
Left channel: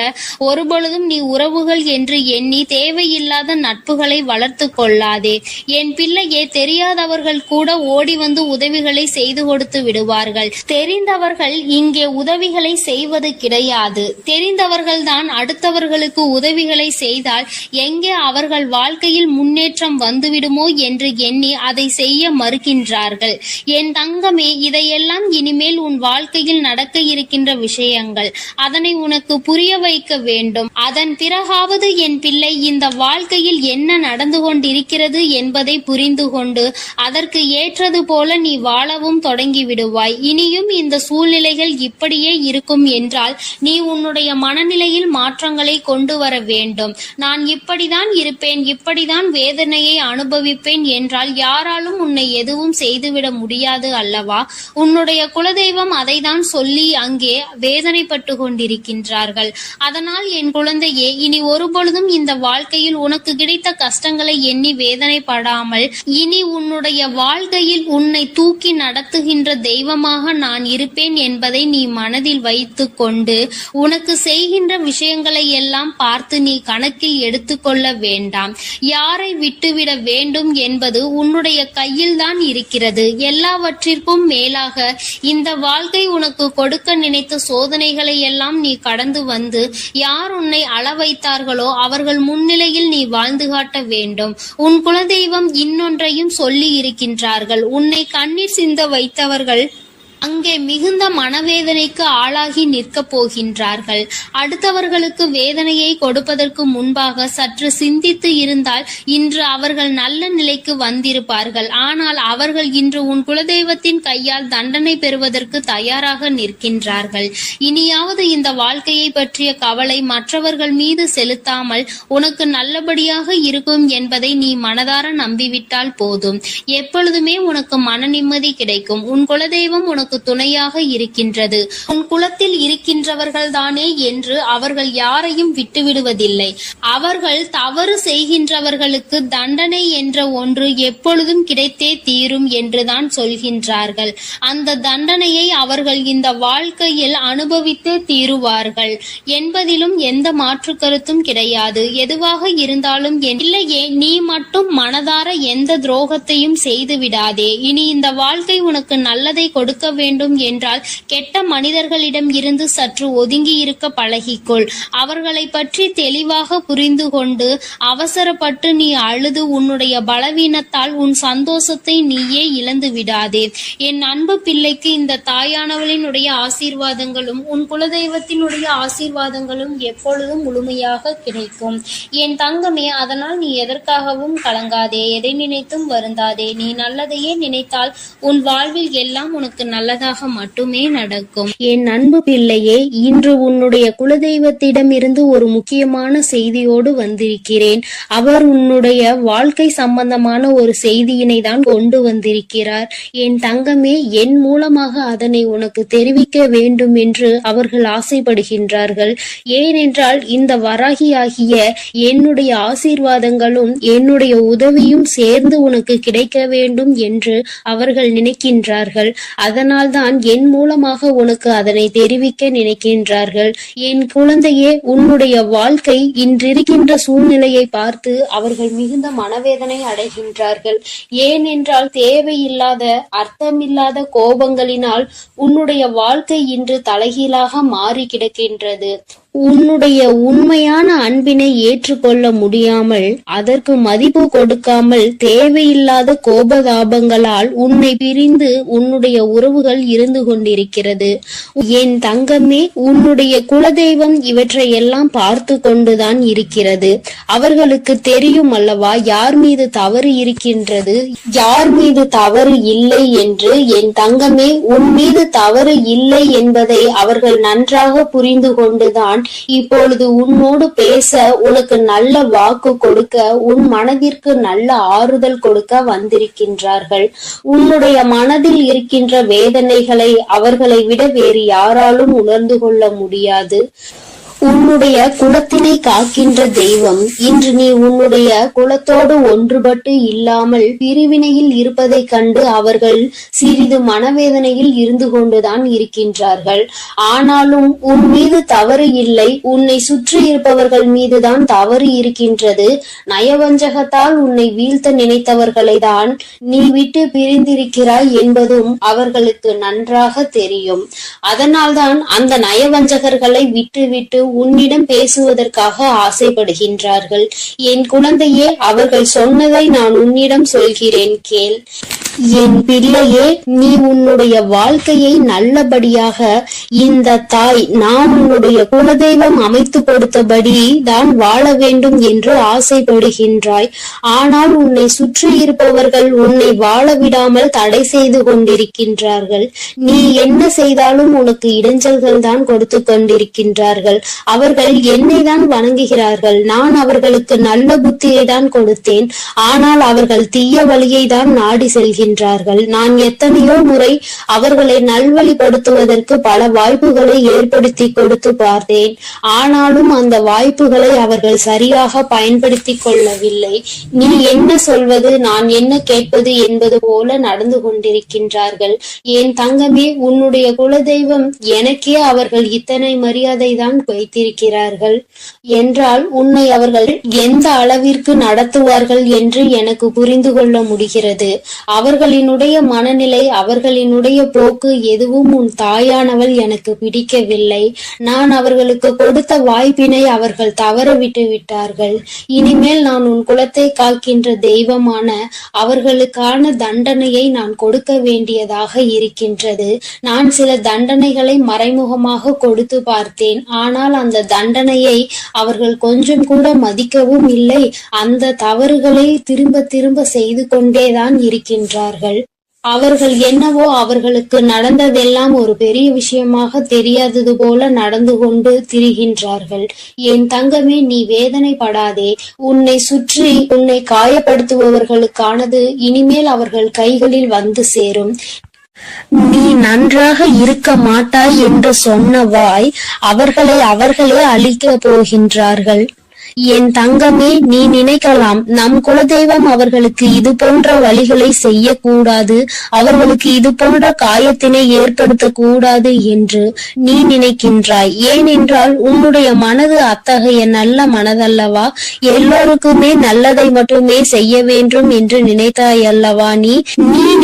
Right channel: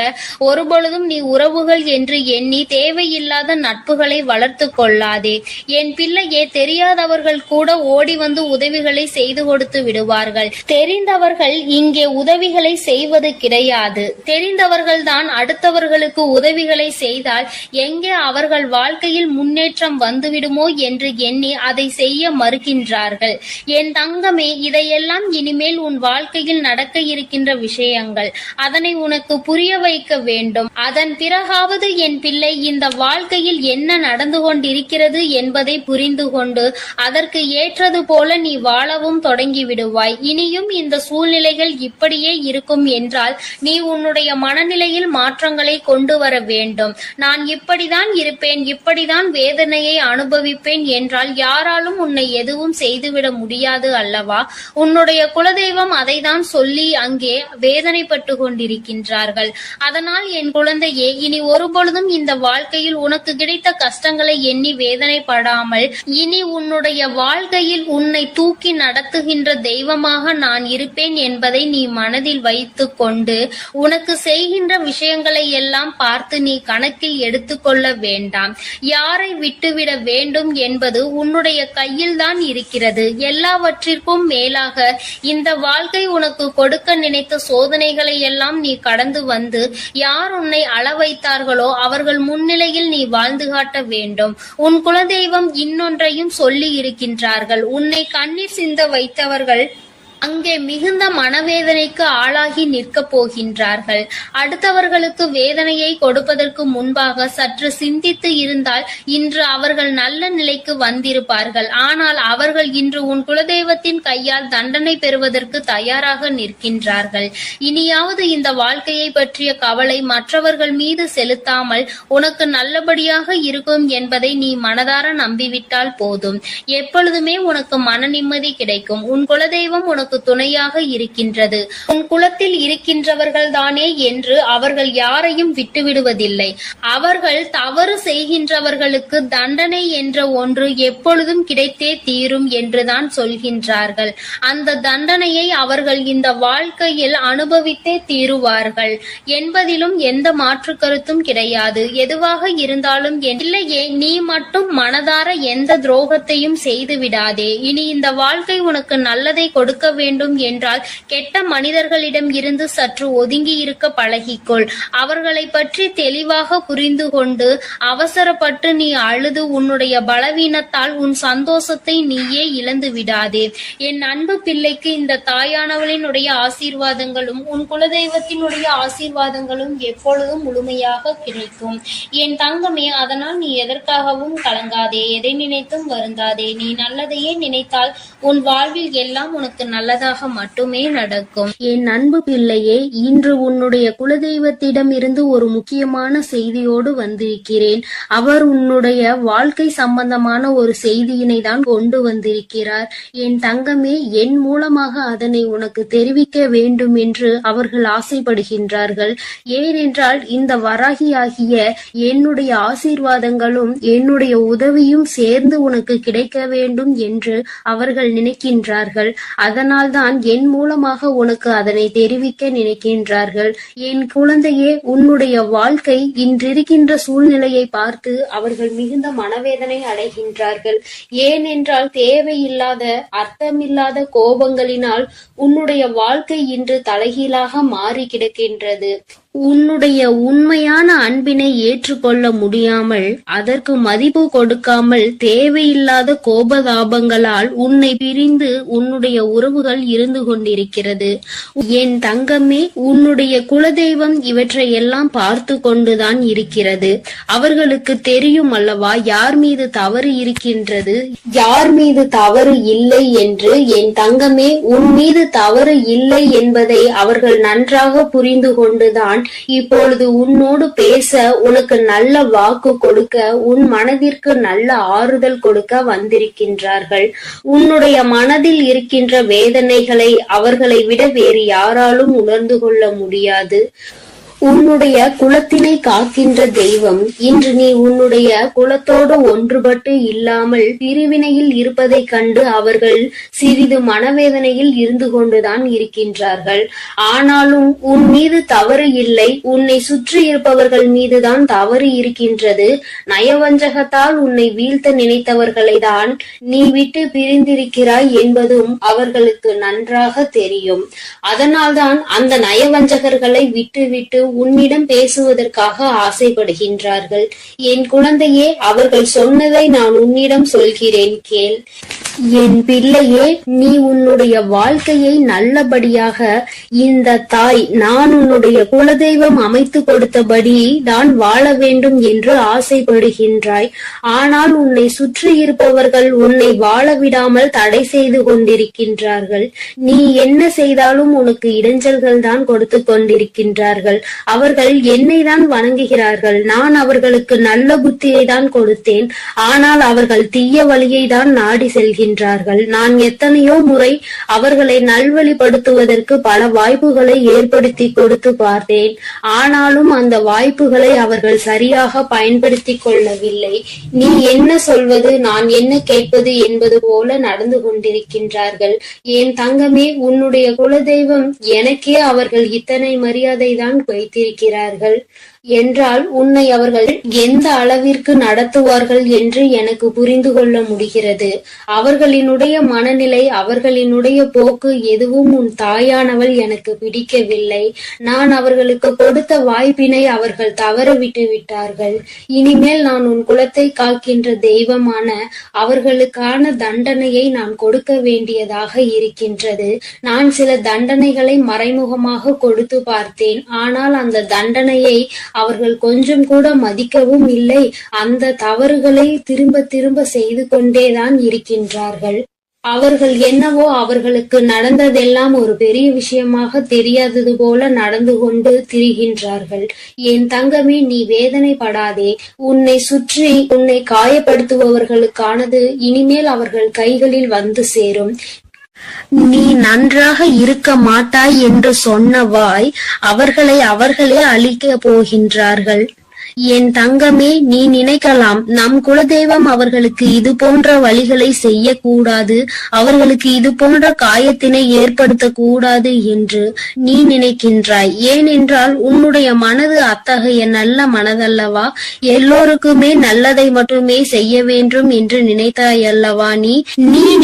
ஒருபொழுதும் நீ உறவுகள் என்று எண்ணி தேவையில்லாத நட்புகளை வளர்த்து கொள்ளாதே. என் பிள்ளையே, தெரியாதவர்கள் கூட ஓடி வந்து உதவிகளை செய்து கொடுத்து விடுவார்கள். தெரிந்தவர்கள் இங்கே உதவிகளை செய்வது கிடையாது. தெரிந்தவர்கள் தான் அடுத்தவர்களுக்கு உதவிகளை செய்தால் எங்கே அவர்கள் வாழ்க்கையில் முன்னேற்றம் வந்துவிடுமோ என்று எண்ணி அதை செய்ய மறுக்கின்றார்கள். என் தங்கமே, இதையெல்லாம் இனிமேல் உன் வாழ்க்கையில் நடக்க இருக்கின்ற விஷயங்கள். அதனை உனக்கு புரிய வைக்க வேண்டும். அதன் பிறகாவது என் பிள்ளை, இந்த வாழ்க்கையில் என்ன நடந்து கொண்டிருக்கிறது என்பதை புரிந்து கொண்டு அதற்கு ஏற்றது போல நீ வாழவும் தொடங்கி விடுவாய். இனியும் இந்த சூழ்நிலைகள் இப்படியே இருக்கும் என்றால் நீ உன்னுடைய மனநிலையில் மாற்றங்களை கொண்டு வர வேண்டும். நான் இப்படிதான் இருப்பேன், இப்படிதான் வேதனையை அனுபவிப்பேன் என்றால் யாராலும் உன்னை எதுவும் செய்துவிட முடியாது அல்லவா? உன்னுடைய குலதெய்வம் அதை தான் சொல்லி அங்கே வேதனைப்பட்டு கொண்டிருக்கின்றார்கள். அதனால் என் குழந்தையே, இனி ஒருபொழுதும் இந்த வாழ்க்கையில் உனக்கு கிடைத்த கஷ்டங்களை எண்ணி வேதனைப்படாமல் இனி உன்னுடைய வாழ்க்கையில் உன்னை தூக்கி நடத்துகின்ற தெய்வமாக நான் இருப்பேன் என்பதை நீ மனதில் வைத்து கொண்டு உனக்கு செய்கின்ற விஷயங்களை எல்லாம் பார்த்து நீ கணக்கில் எடுத்துக்கொள்ள வேண்டாம். யாரை விட்டுவிட வேண்டும் என்பது உன்னுடைய கையில் தான் இருக்கிறது. எல்லாவற்றிற்கும் மேலாக இந்த வாழ்க்கை உனக்கு கொடுக்க நினைத்த சோதனைகளை எல்லாம் நீ கடந்து வந்து யார் உன்னை அள வைத்தார்களோ அவர்கள் முன்னிலையில் நீ வாழ்ந்து காட்ட வேண்டும். உன் குலதெய்வம் இன்னொன்றையும் சொல்லி இருக்கின்றார்கள். உன்னை கண்ணீர் சிந்த வைத்தவர்கள் அங்கே மிகுந்த மனவேதனைக்கு ஆளாகி நிற்கப் போகின்றார்கள். அடுத்தவர்களுக்கு வேதனையை கொடுப்பதற்கு முன்பாக சற்று சிந்தித்து இருந்தால் இன்று அவர்கள் நல்ல நிலைக்கு வந்திருப்பார்கள். ஆனால் அவர்கள் இன்று உன் குலதெய்வத்தின் கையால் தண்டனை பெறுவதற்கு தயாராக நிற்கின்றார்கள். இனியாவது இந்த வாழ்க்கையை பற்றிய கவலை மற்றவர்கள் மீது செலுத்தாமல் உனக்கு நல்லபடியாக இருக்கும் என்பதை நீ மனதார நம்பிவிட்டால் போதும். எப்பொழுதுமே உனக்கு மன நிம்மதி கிடைக்கும். உன் குலதெய்வம் உனக்கு துணையாக இருக்கின்றது. உன் குலத்தில் இருக்கின்றவர்கள் தானே என்று அவர்கள் யாரையும் விட்டுவிடுவதில்லை. அவர்கள் தவறு செய்கின்றவர்களுக்கு தண்டனை என்ற ஒன்று எப்பொழுதும் கிடைத்தே தீரும் என்றுதான் சொல்கின்றார்கள். அந்த தண்டனையை அவர்கள் இந்த வாழ்க்கையில் அனுபவித்தே தீருவார்கள் என்பதிலும் எந்த மாற்று கருத்தும் கிடையாது. எதுவாக இருந்தாலும் இல்லையே, நீ மட்டும் மனதார எந்த துரோகத்தையும் செய்து விடாதே. இனி இந்த வாழ்க்கை உனக்கு நல்லதை கொடுக்க வேண்டும் என்றால் கெட்ட மனிதர்களிடம் இருந்து சற்று ஒதுங்கி இருக்க பழகிக்கொள். அவர்களை பற்றி தெளிவாக புரிந்து கொண்டு அவசரப்பட்டு நீ அழுது உன்னுடைய பலவீனத்தால் உன் சந்தோஷத்தை நீயே இழந்து விடாதே. என் அன்பு பிள்ளைக்கு இந்த தாயானவளினுடைய ஆசீர்வாதங்களும் உன் குலதெய்வத்தினுடைய ஆசீர்வாதங்களும் எப்பொழுதும் முழுமையாக கிடைக்கும். என் தங்கமே, அதனால் நீ எதற்காகவும் கலங்காதே, எதை நினைத்தும் வருந்தாதே. நீ நல்லதையே நினைத்தால் உன் வாழ்வில் எல்லாம் உனக்கு நல்லதாக மட்டுமே நடக்கும். என் அன்பு பிள்ளையே, இன்று உன்னுடைய குலதெய்வத்திடம் இருந்து ஒரு முக்கியமான செய்தியோடு வந்திருக்கிறேன். அவர் உன்னுடைய வாழ்க்கை சம்பந்தமான ஒரு செய்தியினை தான் கொண்டு வந்திருக்கிறார். என் தங்கமே, என் மூலமாக அதனை உனக்கு தெரிவிக்க வேண்டும் என்று அவர்கள் ஆசைப்படுகின்றார்கள். ஏனென்றால் இந்த வராகியாகிய என்னுடைய ஆசீர்வாதங்களும் என்னுடைய உதவியும் சேர்ந்து உனக்கு கிடைக்க வேண்டும் என்று அவர்கள் நினைக்கின்றார்கள். அதனால்தான் என் மூலமாக உனக்கு அதனை தெரிவிக்க நினைக்கின்றார்கள். என் குழந்தையே, உன்னுடைய வாழ்க்கை இன்றிருக்கின்ற சூழ்நிலையை பார்த்து அவர்கள் மிகுந்த மனவேதனை அடைகின்றார்கள். ஏனென்றால் தேவையில்லாத அர்த்தமில்லாத கோபங்களினால் உன்னுடைய வாழ்க்கை இன்று தலைகீழாக மாறி கிடக்கின்றது. உன்னுடைய உண்மையான அன்பினை ஏற்றுக்கொள்ள முடியாமல் அதற்கு மதிப்பு கொடுக்காமல் தேவையில்லாத கோபதாபங்களால் உன்னை பிரிந்து உன்னுடைய உறவுகள் இருந்து கொண்டிருக்கிறது. என் தங்கமே, உன்னுடைய குலதெய்வம் இவற்றை எல்லாம் பார்த்து கொண்டுதான் இருக்கிறது. அவர்களுக்கு தெரியும் அல்லவா யார் மீது தவறு இருக்கின்றது, யார் மீது தவறு இல்லை என்று. என் தங்கமே, உன் மீது தவறு இல்லை என்பதை அவர்கள் நன்றாக புரிந்து கொண்டுதான் இப்பொழுது உன்னோடு பேச, உனக்கு நல்ல வாக்கு கொடுக்க, உன் மனதிற்கு நல்ல ஆறுதல் கொடுக்க வந்திருக்கின்றார்கள். உன்னுடைய மனதில் இருக்கின்ற வேதனைகளை அவர்களை விட வேறு யாராலும் உணர்ந்து கொள்ள முடியாது. உன்னுடைய குலத்தினை காக்கின்ற தெய்வம் இன்று நீ உன்னுடைய குலத்தோடு ஒன்றுபட்டு இல்லாமல் பிரிவினையில் இருப்பதை கண்டு அவர்கள் சிறிது மனவேதனையில் இருந்து கொண்டுதான் இருக்கின்றார்கள். ஆனாலும் உன் மீது தவறு இல்லை, உன்னை சுற்றி இருப்பவர்கள் மீதுதான் தவறு இருக்கின்றது. நயவஞ்சகத்தால் உன்னை வீழ்த்த நினைத்தவர்களை தான் நீ விட்டு பிரிந்திருக்கிறாய் என்பதும் அவர்களுக்கு நன்றாக தெரியும். அதனால்தான் அந்த நயவஞ்சகர்களை விட்டு உன்னிடம் பேசுவதற்காக ஆசைப்படுகின்றார்கள். என் குழந்தையே, அவர்கள் சொன்னதை நான் உன்னிடம் சொல்கிறேன், கேள். என் பிள்ளையே, நீ உன்னுடைய வாழ்க்கையை நல்லபடியாக இந்த தாய் நான் உன்னுடைய குலதெய்வம் அமைத்து கொடுத்தபடி தான் வாழ வேண்டும் என்று ஆசைப்படுகின்றாய். ஆனால் உன்னை சுற்றி இருப்பவர்கள் உன்னை வாழ விடாமல் தடை செய்து கொண்டிருக்கின்றார்கள். நீ என்ன செய்தாலும் உனக்கு இடைஞ்சல்கள் தான் கொடுத்து கொண்டிருக்கின்றார்கள். அவர்கள் என்னை தான் வணங்குகிறார்கள். நான் அவர்களுக்கு நல்ல புத்தியை தான் கொடுத்தேன். ஆனால் அவர்கள் தீய வழியை தான் நாடி செல்கின்றார்கள். நான் எத்தனையோ முறை அவர்களை நல்வழிப்படுத்துவதற்கு பல வாய்ப்புகளை ஏற்படுத்தி கொடுத்து பார்த்தேன். ஆனாலும் அந்த வாய்ப்புகளை அவர்கள் சரியாக பயன்படுத்தி கொள்ளவில்லை. நீ என்ன சொல்வது, நான் என்ன கேட்பது என்பது போல நடந்து கொண்டிருக்கின்றார்கள். என் தங்கமே, உன்னுடைய குலதெய்வம் எனக்கே அவர்கள் இத்தனை மரியாதை தான் வைத்திருக்கிறார்கள் என்றால் உன்னை அவர்கள் எந்த அளவிற்கு நடத்துவார்கள் என்று எனக்கு புரிந்து கொள்ள முடிகிறது. அவர்களினுடைய மனநிலை, அவர்களினுடைய போக்கு எதுவும் உன் தாயானவள் எனக்கு பிடிக்கவில்லை. நான் அவர்களுக்கு கொடுத்த வாய்ப்பினை அவர்கள் தவற விட்டு விட்டார்கள். இனிமேல் நான் உன் குலத்தை காக்கின்ற தெய்வமான அவர்களுக்கான தண்டனையை நான் கொடுக்க வேண்டியதாக இருக்கின்றது. நான் சில தண்டனைகளை மறைமுகமாக கொடுத்து பார்த்தேன். ஆனால் அந்த தண்டனையை அவர்கள் கொஞ்சம் கூட மதிக்கவும் இல்லை. அந்த தவறுகளை திரும்ப திரும்ப செய்து கொண்டேதான் இருக்கின்றார்கள். அவர்கள் என்னவோ அவர்களுக்கு நடந்ததெல்லாம் ஒரு பெரிய விஷயமாக தெரியாதது போல நடந்து கொண்டு திரிகின்றார்கள். என் தங்கமே, நீ வேதனைப்படாதே. உன்னை சுற்றி உன்னை காயப்படுத்துபவர்களுக்கானது இனிமேல் அவர்கள் கைகளில் வந்து சேரும். நீ நன்றாக இருக்க மாட்டாய் என்று சொன்ன வாய் அவர்களே அழிக்க போகின்றார்கள். என் தங்கமே, நீ நினைக்கலாம் நம் குலதெய்வம் அவர்களுக்கு இது போன்ற வழிகளை செய்யக்கூடாது, அவர்களுக்கு இது போன்ற காயத்தினை ஏற்படுத்த கூடாது என்று நீ நினைக்கின்றாய். ஏனென்றால் உன்னுடைய மனது அத்தகைய நல்ல மனதல்லவா? எல்லோருக்குமே நல்லதை மட்டுமே செய்ய வேண்டும் என்று நினைத்தாய் அல்லவா? நீ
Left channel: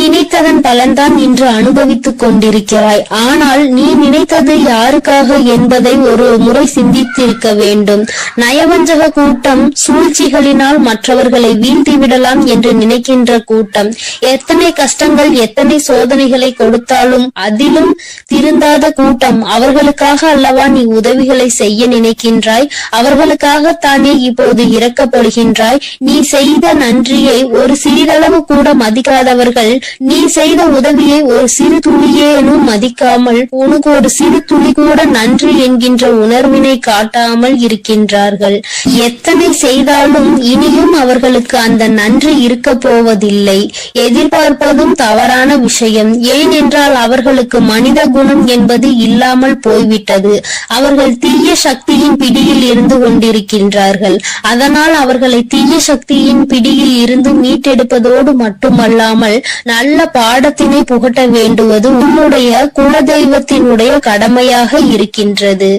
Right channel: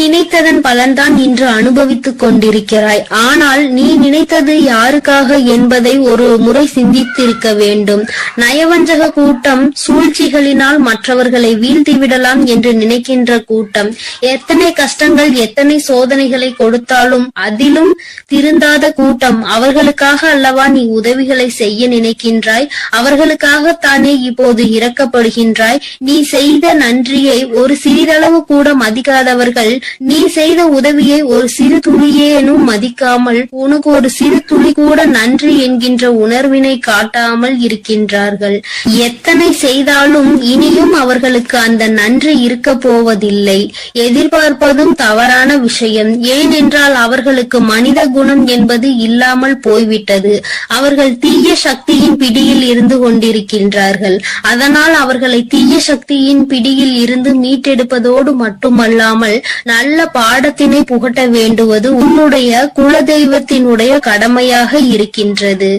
நினைத்ததன் பலன்தான் இன்று அனுபவித்துக் கொண்டிருக்கிறாய். ஆனால் நீ நினைத்தது யாருக்காக என்பதை ஒரு முறை சிந்தித்திருக்க வேண்டும். நயவஞ்சக கூட்டம் சூழ்ச்சிகளினால் மற்றவர்களை வீழ்த்தி விடலாம் என்று நினைக்கின்ற கூட்டம் எத்தனை கஷ்டங்கள் எத்தனை சோதனைகளை கொடுத்தாலும் அதிலும் திருந்தாத கூட்டம். அவர்களுக்காக அல்லவா நீ உதவிகளை செய்ய நினைக்கின்றாய்? அவர்களுக்காகத்தானே இப்போது இறக்கப்படுகின்றாய்? நீ செய்த நன்றியை ஒரு சிறிதளவு கூட மதிக்காதவர்கள் நீ செய்த உதவியை ஒரு சிறு துளியேனும் மதிக்காமல் உனக்கு ஒரு சிறு துளி கூட நன்றி என்கின்ற உணர்வினை காட்டாமல் இருக்கின்றார்கள். எத்தனை செய்தாலும் இனியும் அவர்களுக்கு அந்த நன்றி இருக்க போவதில்லை. எதிர்பார்ப்பதும் தவறான விஷயம். ஏனென்றால் அவர்களுக்கு மனித குணம் என்பது இல்லாமல் போய்விட்டது. அவர்கள் தீய சக்தியின் பிடியில் இருந்து கொண்டிருக்கின்றார்கள். அதனால் அவர்களை தீய சக்தியின் பிடியில் இருந்து மீட்டெடுப்பதோடு மட்டுமல்லாமல் நல்ல பாடத்தினை புகட்ட வேண்டுவது உன்னுடைய குலதெய்வத்தினுடைய கடமையாக இருக்கின்றது.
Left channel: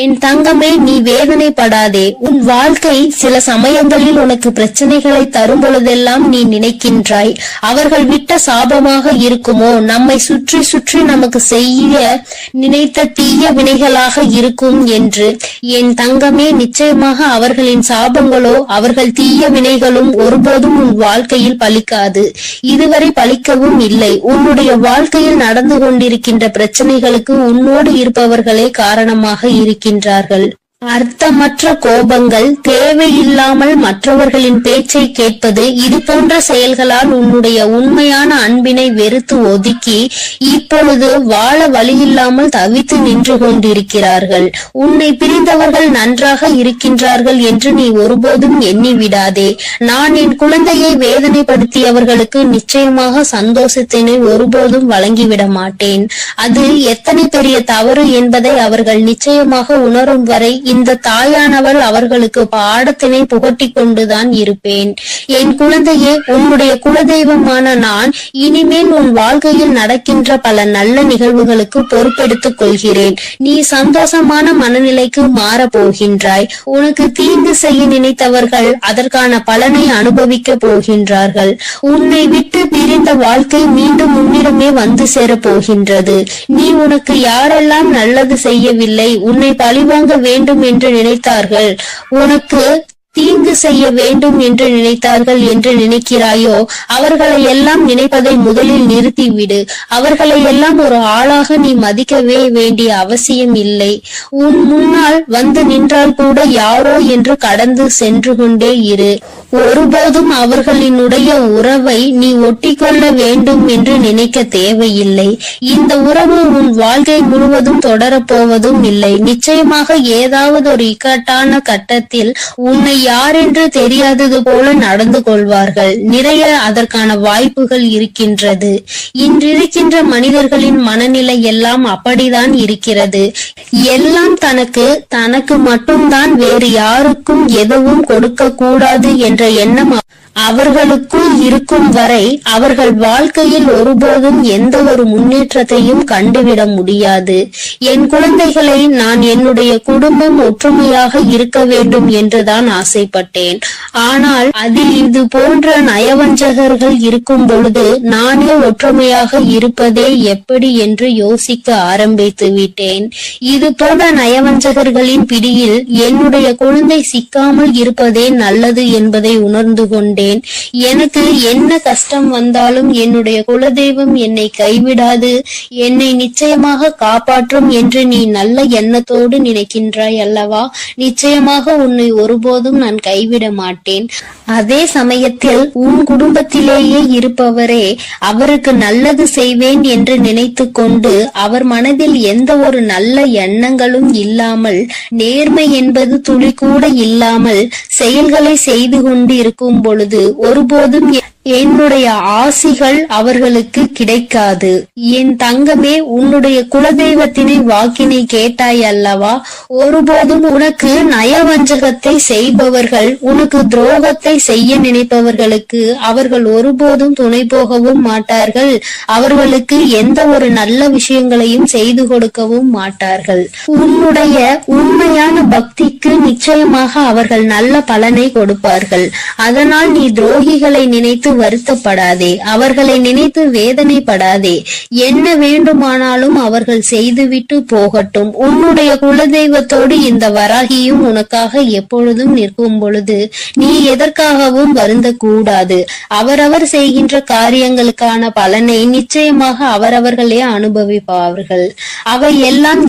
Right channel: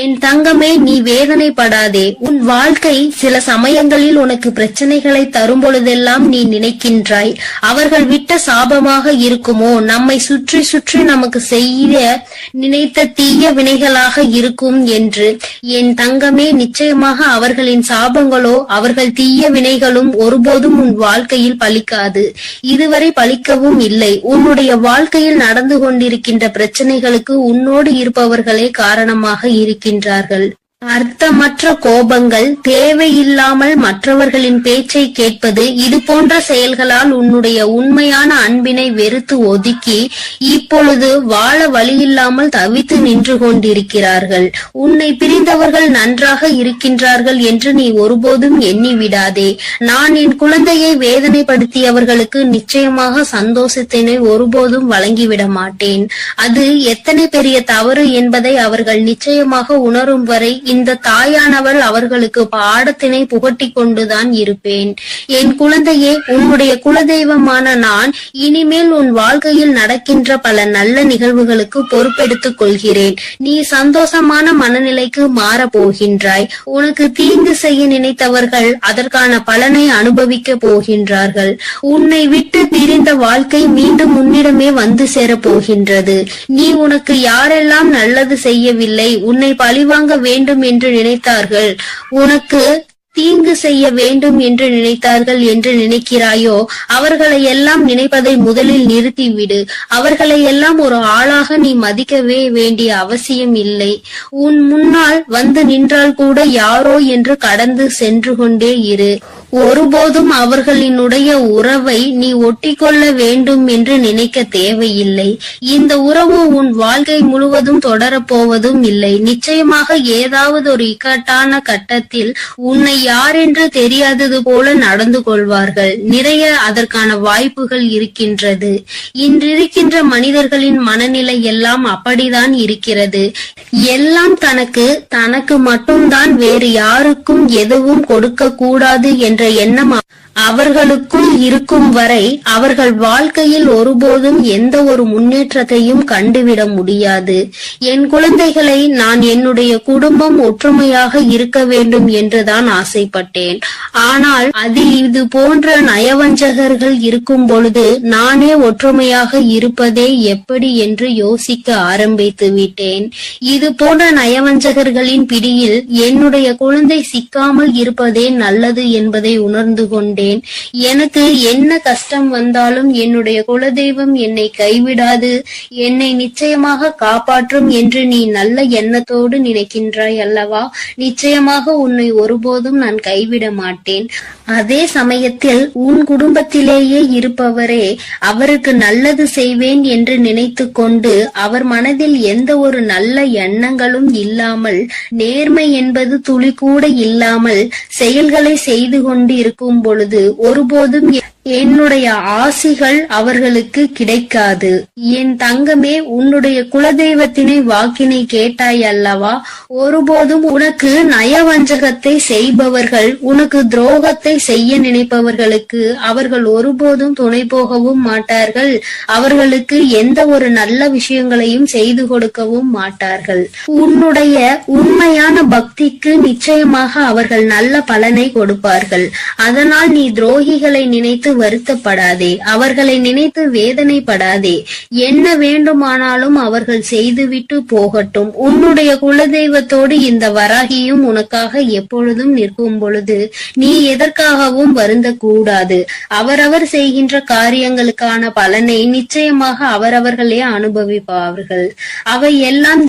என் தங்கமே, நீ வேதனைப்படாதே. உன் வாழ்க்கை சில சமயங்களில் உனக்கு பிரச்சனைகளை தரும் பொழுதெல்லாம் நீ நினைக்கின்றாய், அவர்கள் விட்ட சாபமாக இருக்குமோ, நம்மை சுற்றி சுற்றி நமக்கு செய்ய நினைத்த தீய வினைகளாக இருக்கும் என்று. என் தங்கமே, நிச்சயமாக அவர்களின் சாபங்களோ அவர்கள் தீய வினைகளும் ஒருபோதும் உன் வாழ்க்கையில் பலிக்காது. இதுவரை பலிக்கவும் இல்லை. உன்னுடைய வாழ்க்கையில் நடந்து கொண்டிருக்கின்ற பிரச்சனைகளுக்கு உன்னோடு இருப்பவர்களே காரணமாக இருக்கின்றார்கள். அர்த்தமற்ற கோபங்கள், தேவையில்லாமல் மற்றவர்களின் பேச்சை கேட்பது, இது போன்ற செயல்களால் உன்னுடைய உண்மையான அன்பினை வெறுத்து ஒதுக்கி இப்பொழுது வாழ வழியில்லாமல் தவித்து நின்று கொண்டிருக்கிறார்கள். உன்னை பிரிந்தவர்கள் நன்றாக இருக்கின்றார்கள் என்று நீ ஒருபோதும் எண்ணி விடாதே. நான் என் குழந்தையை வேதனைப்படுத்தியவர்களுக்கு நிச்சயமாக சந்தோஷத்தினை ஒருபோதும் வழங்கிவிட மாட்டேன். அது எத்தனை பெரிய தவறு என்பதை அவர்கள் நிச்சயமாக உணரும் வரை இந்த தாயானவள் அவர்களுக்கு பாடத்தினை புகட்டி கொண்டுதான் இருப்பேன். என் குழந்தையே, உன்னுடைய குலதெய்வமான நான் இனிமேல் உன் வாழ்க்கையில் நடக்கின்ற பல நல்ல நிகழ்வுகளுக்கு பொறுப்பெடுத்துக் கொள்கிறேன். நீ சந்தோஷமான மனநிலைக்கு மாற போகின்றாய். உனக்கு தீங்கு செய்ய நினைத்தவர்கள் அதற்கான பலனை அனுபவிக்க போகின்றார்கள். உன்னை விட்டு பிரிந்த வாழ்க்கை மீண்டும் உன்னிடமே வந்து சேரப் போகின்றது. நீ உனக்கு யாரெல்லாம் நல்லது செய்யவில்லை, உன்னை பழிவாங்க வேண்டும் என்று நினைத்தார்கள், உனக்கு தீங்கு செய்ய வேண்டும் என்று நினைத்தார்கள் என்று நினைக்கிறாயோ, அவர்களை எல்லாம் நினைப்பதை முதலில் நிறுத்திவிடு. அவர்களை எல்லாம் ஒரு ஆளாக நீ மதிக்கவே வேண்டிய அவசியம் இல்லை. உன் முன்னால் வந்து நின்றால் கூட யாரோ என்று கடந்து சென்று கொண்டே இரு. ஒருபோதும் அவர்களினுடைய உறவை நீ ஒட்டிக்கொள்ள வேண்டும் என்று நினைக்க தேவையில்லை. இந்த உறவு உன் வாழ்க்கை முழுவதும் தொடரப்போவதும் இல்லை. நிச்சயமாக ஏதாவது ஒரு இக்கட்டான கட்டத்தில் உன்னை யார் என்று தெரியாதது போல நடந்து கொள்வார்கள். நிறைய அதற்கான வாய்ப்புகள் இருக்கின்றது. இன்றிருக்கின்ற மனிதர்களின் மனநிலை எல்லாம் அப்படிதான் இருக்கிறது. எல்லாம் தனக்கு மட்டும்தான், வேறு யாருக்கும் எதுவும் கொடுக்க கூடாது என்ற எண்ணம் அவர்களுக்குள் இருக்கும் வரை அவர்கள் வாழ்க்கையில் ஒருபோதும் எந்த ஒரு முன்னேற்றத்தையும் கண்டுவிட முடியாது. என் குழந்தைகளை நான் என்னுடைய குடும்பம் ஒற்றுமையாக இருக்க வேண்டும் என்றுதான் ஆசைப்பட்டேன். ஆனால் அதில் இது போன்ற நயவஞ்சகர்கள் இருக்கும் பொழுது நானே ஒற்றுமையாக இருப்பதே எப்படி என்று யோசிக்க ஆரம்பித்து விட்டேன். இது போன்ற நயவஞ்சகர்களின் பிடியில் என்னுடைய குழந்தை சிக்காமல் இருப்பதே நல்லது என்பதை உணர்ந்து கொண்டேன். எனக்கு என்ன கஷ்டம் வந்தாலும் என்னுடைய குலதெய்வம் என்னை கைவிடாது, என்னை நிச்சயமாக காப்பாற்றும் என்று நீ நல்ல எண்ணத்தோடு நினைக்கின்றாய் அல்லவா? நிச்சயமாக உன்னை ஒருபோதும் நான் கைவிட மாட்டேன். அதே சமயத்தில் உன் குடும்பத்திலேயே இருப்பவரே அவருக்கு நல்லது செய்வேன் என்று நினைத்து கொண்டு அவர் மனதில் எந்த ஒரு நல்ல எண்ணங்களும் இல்லாமல், நேர்மை என்பது துளி கூட இல்லாமல் செயல்களை செய்து கொண்டு இருக்கும் பொழுது ஒருபோதும் என்னுடைய ஆசிகள் அவர்களுக்கு கிடைக்காது. என் தங்கமே, உன்னுடைய குலதெய்வத்தினை வாக்கினை கேட்டாய் அல்லவா? ஒருபோதும் உனக்கு நயவஞ்சகத்தை செய்பவர்கள், உனக்கு துரோகத்தை செய்ய நினைப்பவர்களுக்கு அவர்கள் ஒருபோதும் துணை போகவும் மாட்டார்கள். அவர்களுக்கு எந்த ஒரு நல்ல விஷயங்களையும் செய்து கொடுக்கவும் மாட்டார்கள். உன்னுடைய உண்மையான பக்திக்கு நிச்சயமாக அவர்கள் நல்ல பலனை கொடுப்பார்கள். அதனால் நீ துரோகிகளை நினைத்து வருத்தப்படாதே, அவர்களை நினைத்து வேதனைப்படாதே. என்ன வேண்டுமானாலும் அவர்கள் செய்துவிட்டு போகட்டும். உன்னுடைய குலதெய்வத்தோடு இந்த வராகியும் உனக்காக எப்பொழுதும் நிற்கும் பொழுது நீ எதற்காகவும் வருந்த கூடாது. அவரவர் செய்கின்ற காரியங்களுக்கான பலனை நிச்சயமாக அவரவர்களே அனுபவிப்பார்கள். அவை எல்லாம்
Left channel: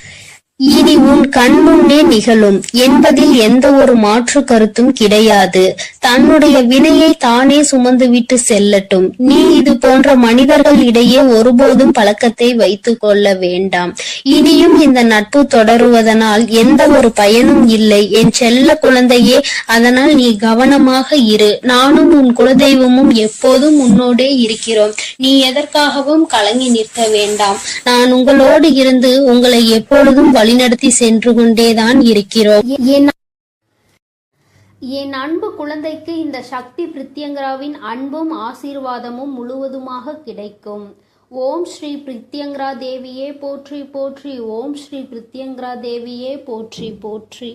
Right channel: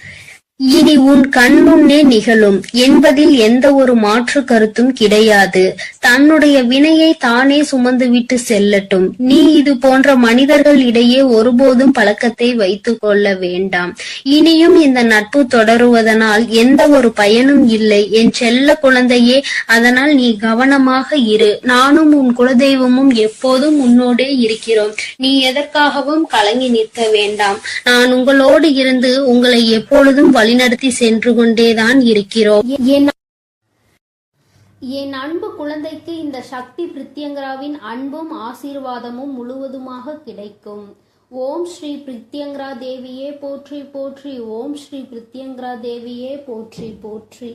இனி உன் கண் முன்னே நிகழும் என்பதில் எந்த ஒரு மாற்று கருத்தும் கிடையாது. தன்னுடைய வினையை தானே சுமந்துவிட்டு செல்லட்டும். நீ இது போன்ற மனிதர்கள் இடையே ஒருபோதும் பழக்கத்தை வைத்துக் கொள்ள வேண்டாம். இனியும் இந்த நட்பு தொடருவதனால் எந்த ஒரு பயனும் இல்லை என் செல்ல குழந்தையே. அதனால் நீ கவனமாக இரு. நானும் உன் குலதெய்வமும் எப்போதும் உன்னோடே இருக்கிறோம். நீ எதற்காகவும் கலங்கி நிற்க வேண்டாம். நான் உங்களோடு இருந்து உங்களை எப்பொழுதும் வழிநடத்தி சென்று கொண்டேதான் இருக்கிறோம். என் அன்பு குழந்தைக்கு இந்த சக்தி பிரித்யங்கராவின் அன்பும் ஆசீர்வாதமும் முழுவதுமாக கிடைக்கும். ஓம் ஸ்ரீ பிரித்யங்கரா தேவியே போற்றி போற்றி. ஓம் ஸ்ரீ பிரித்யங்கரா தேவியே போற்றி போற்றி.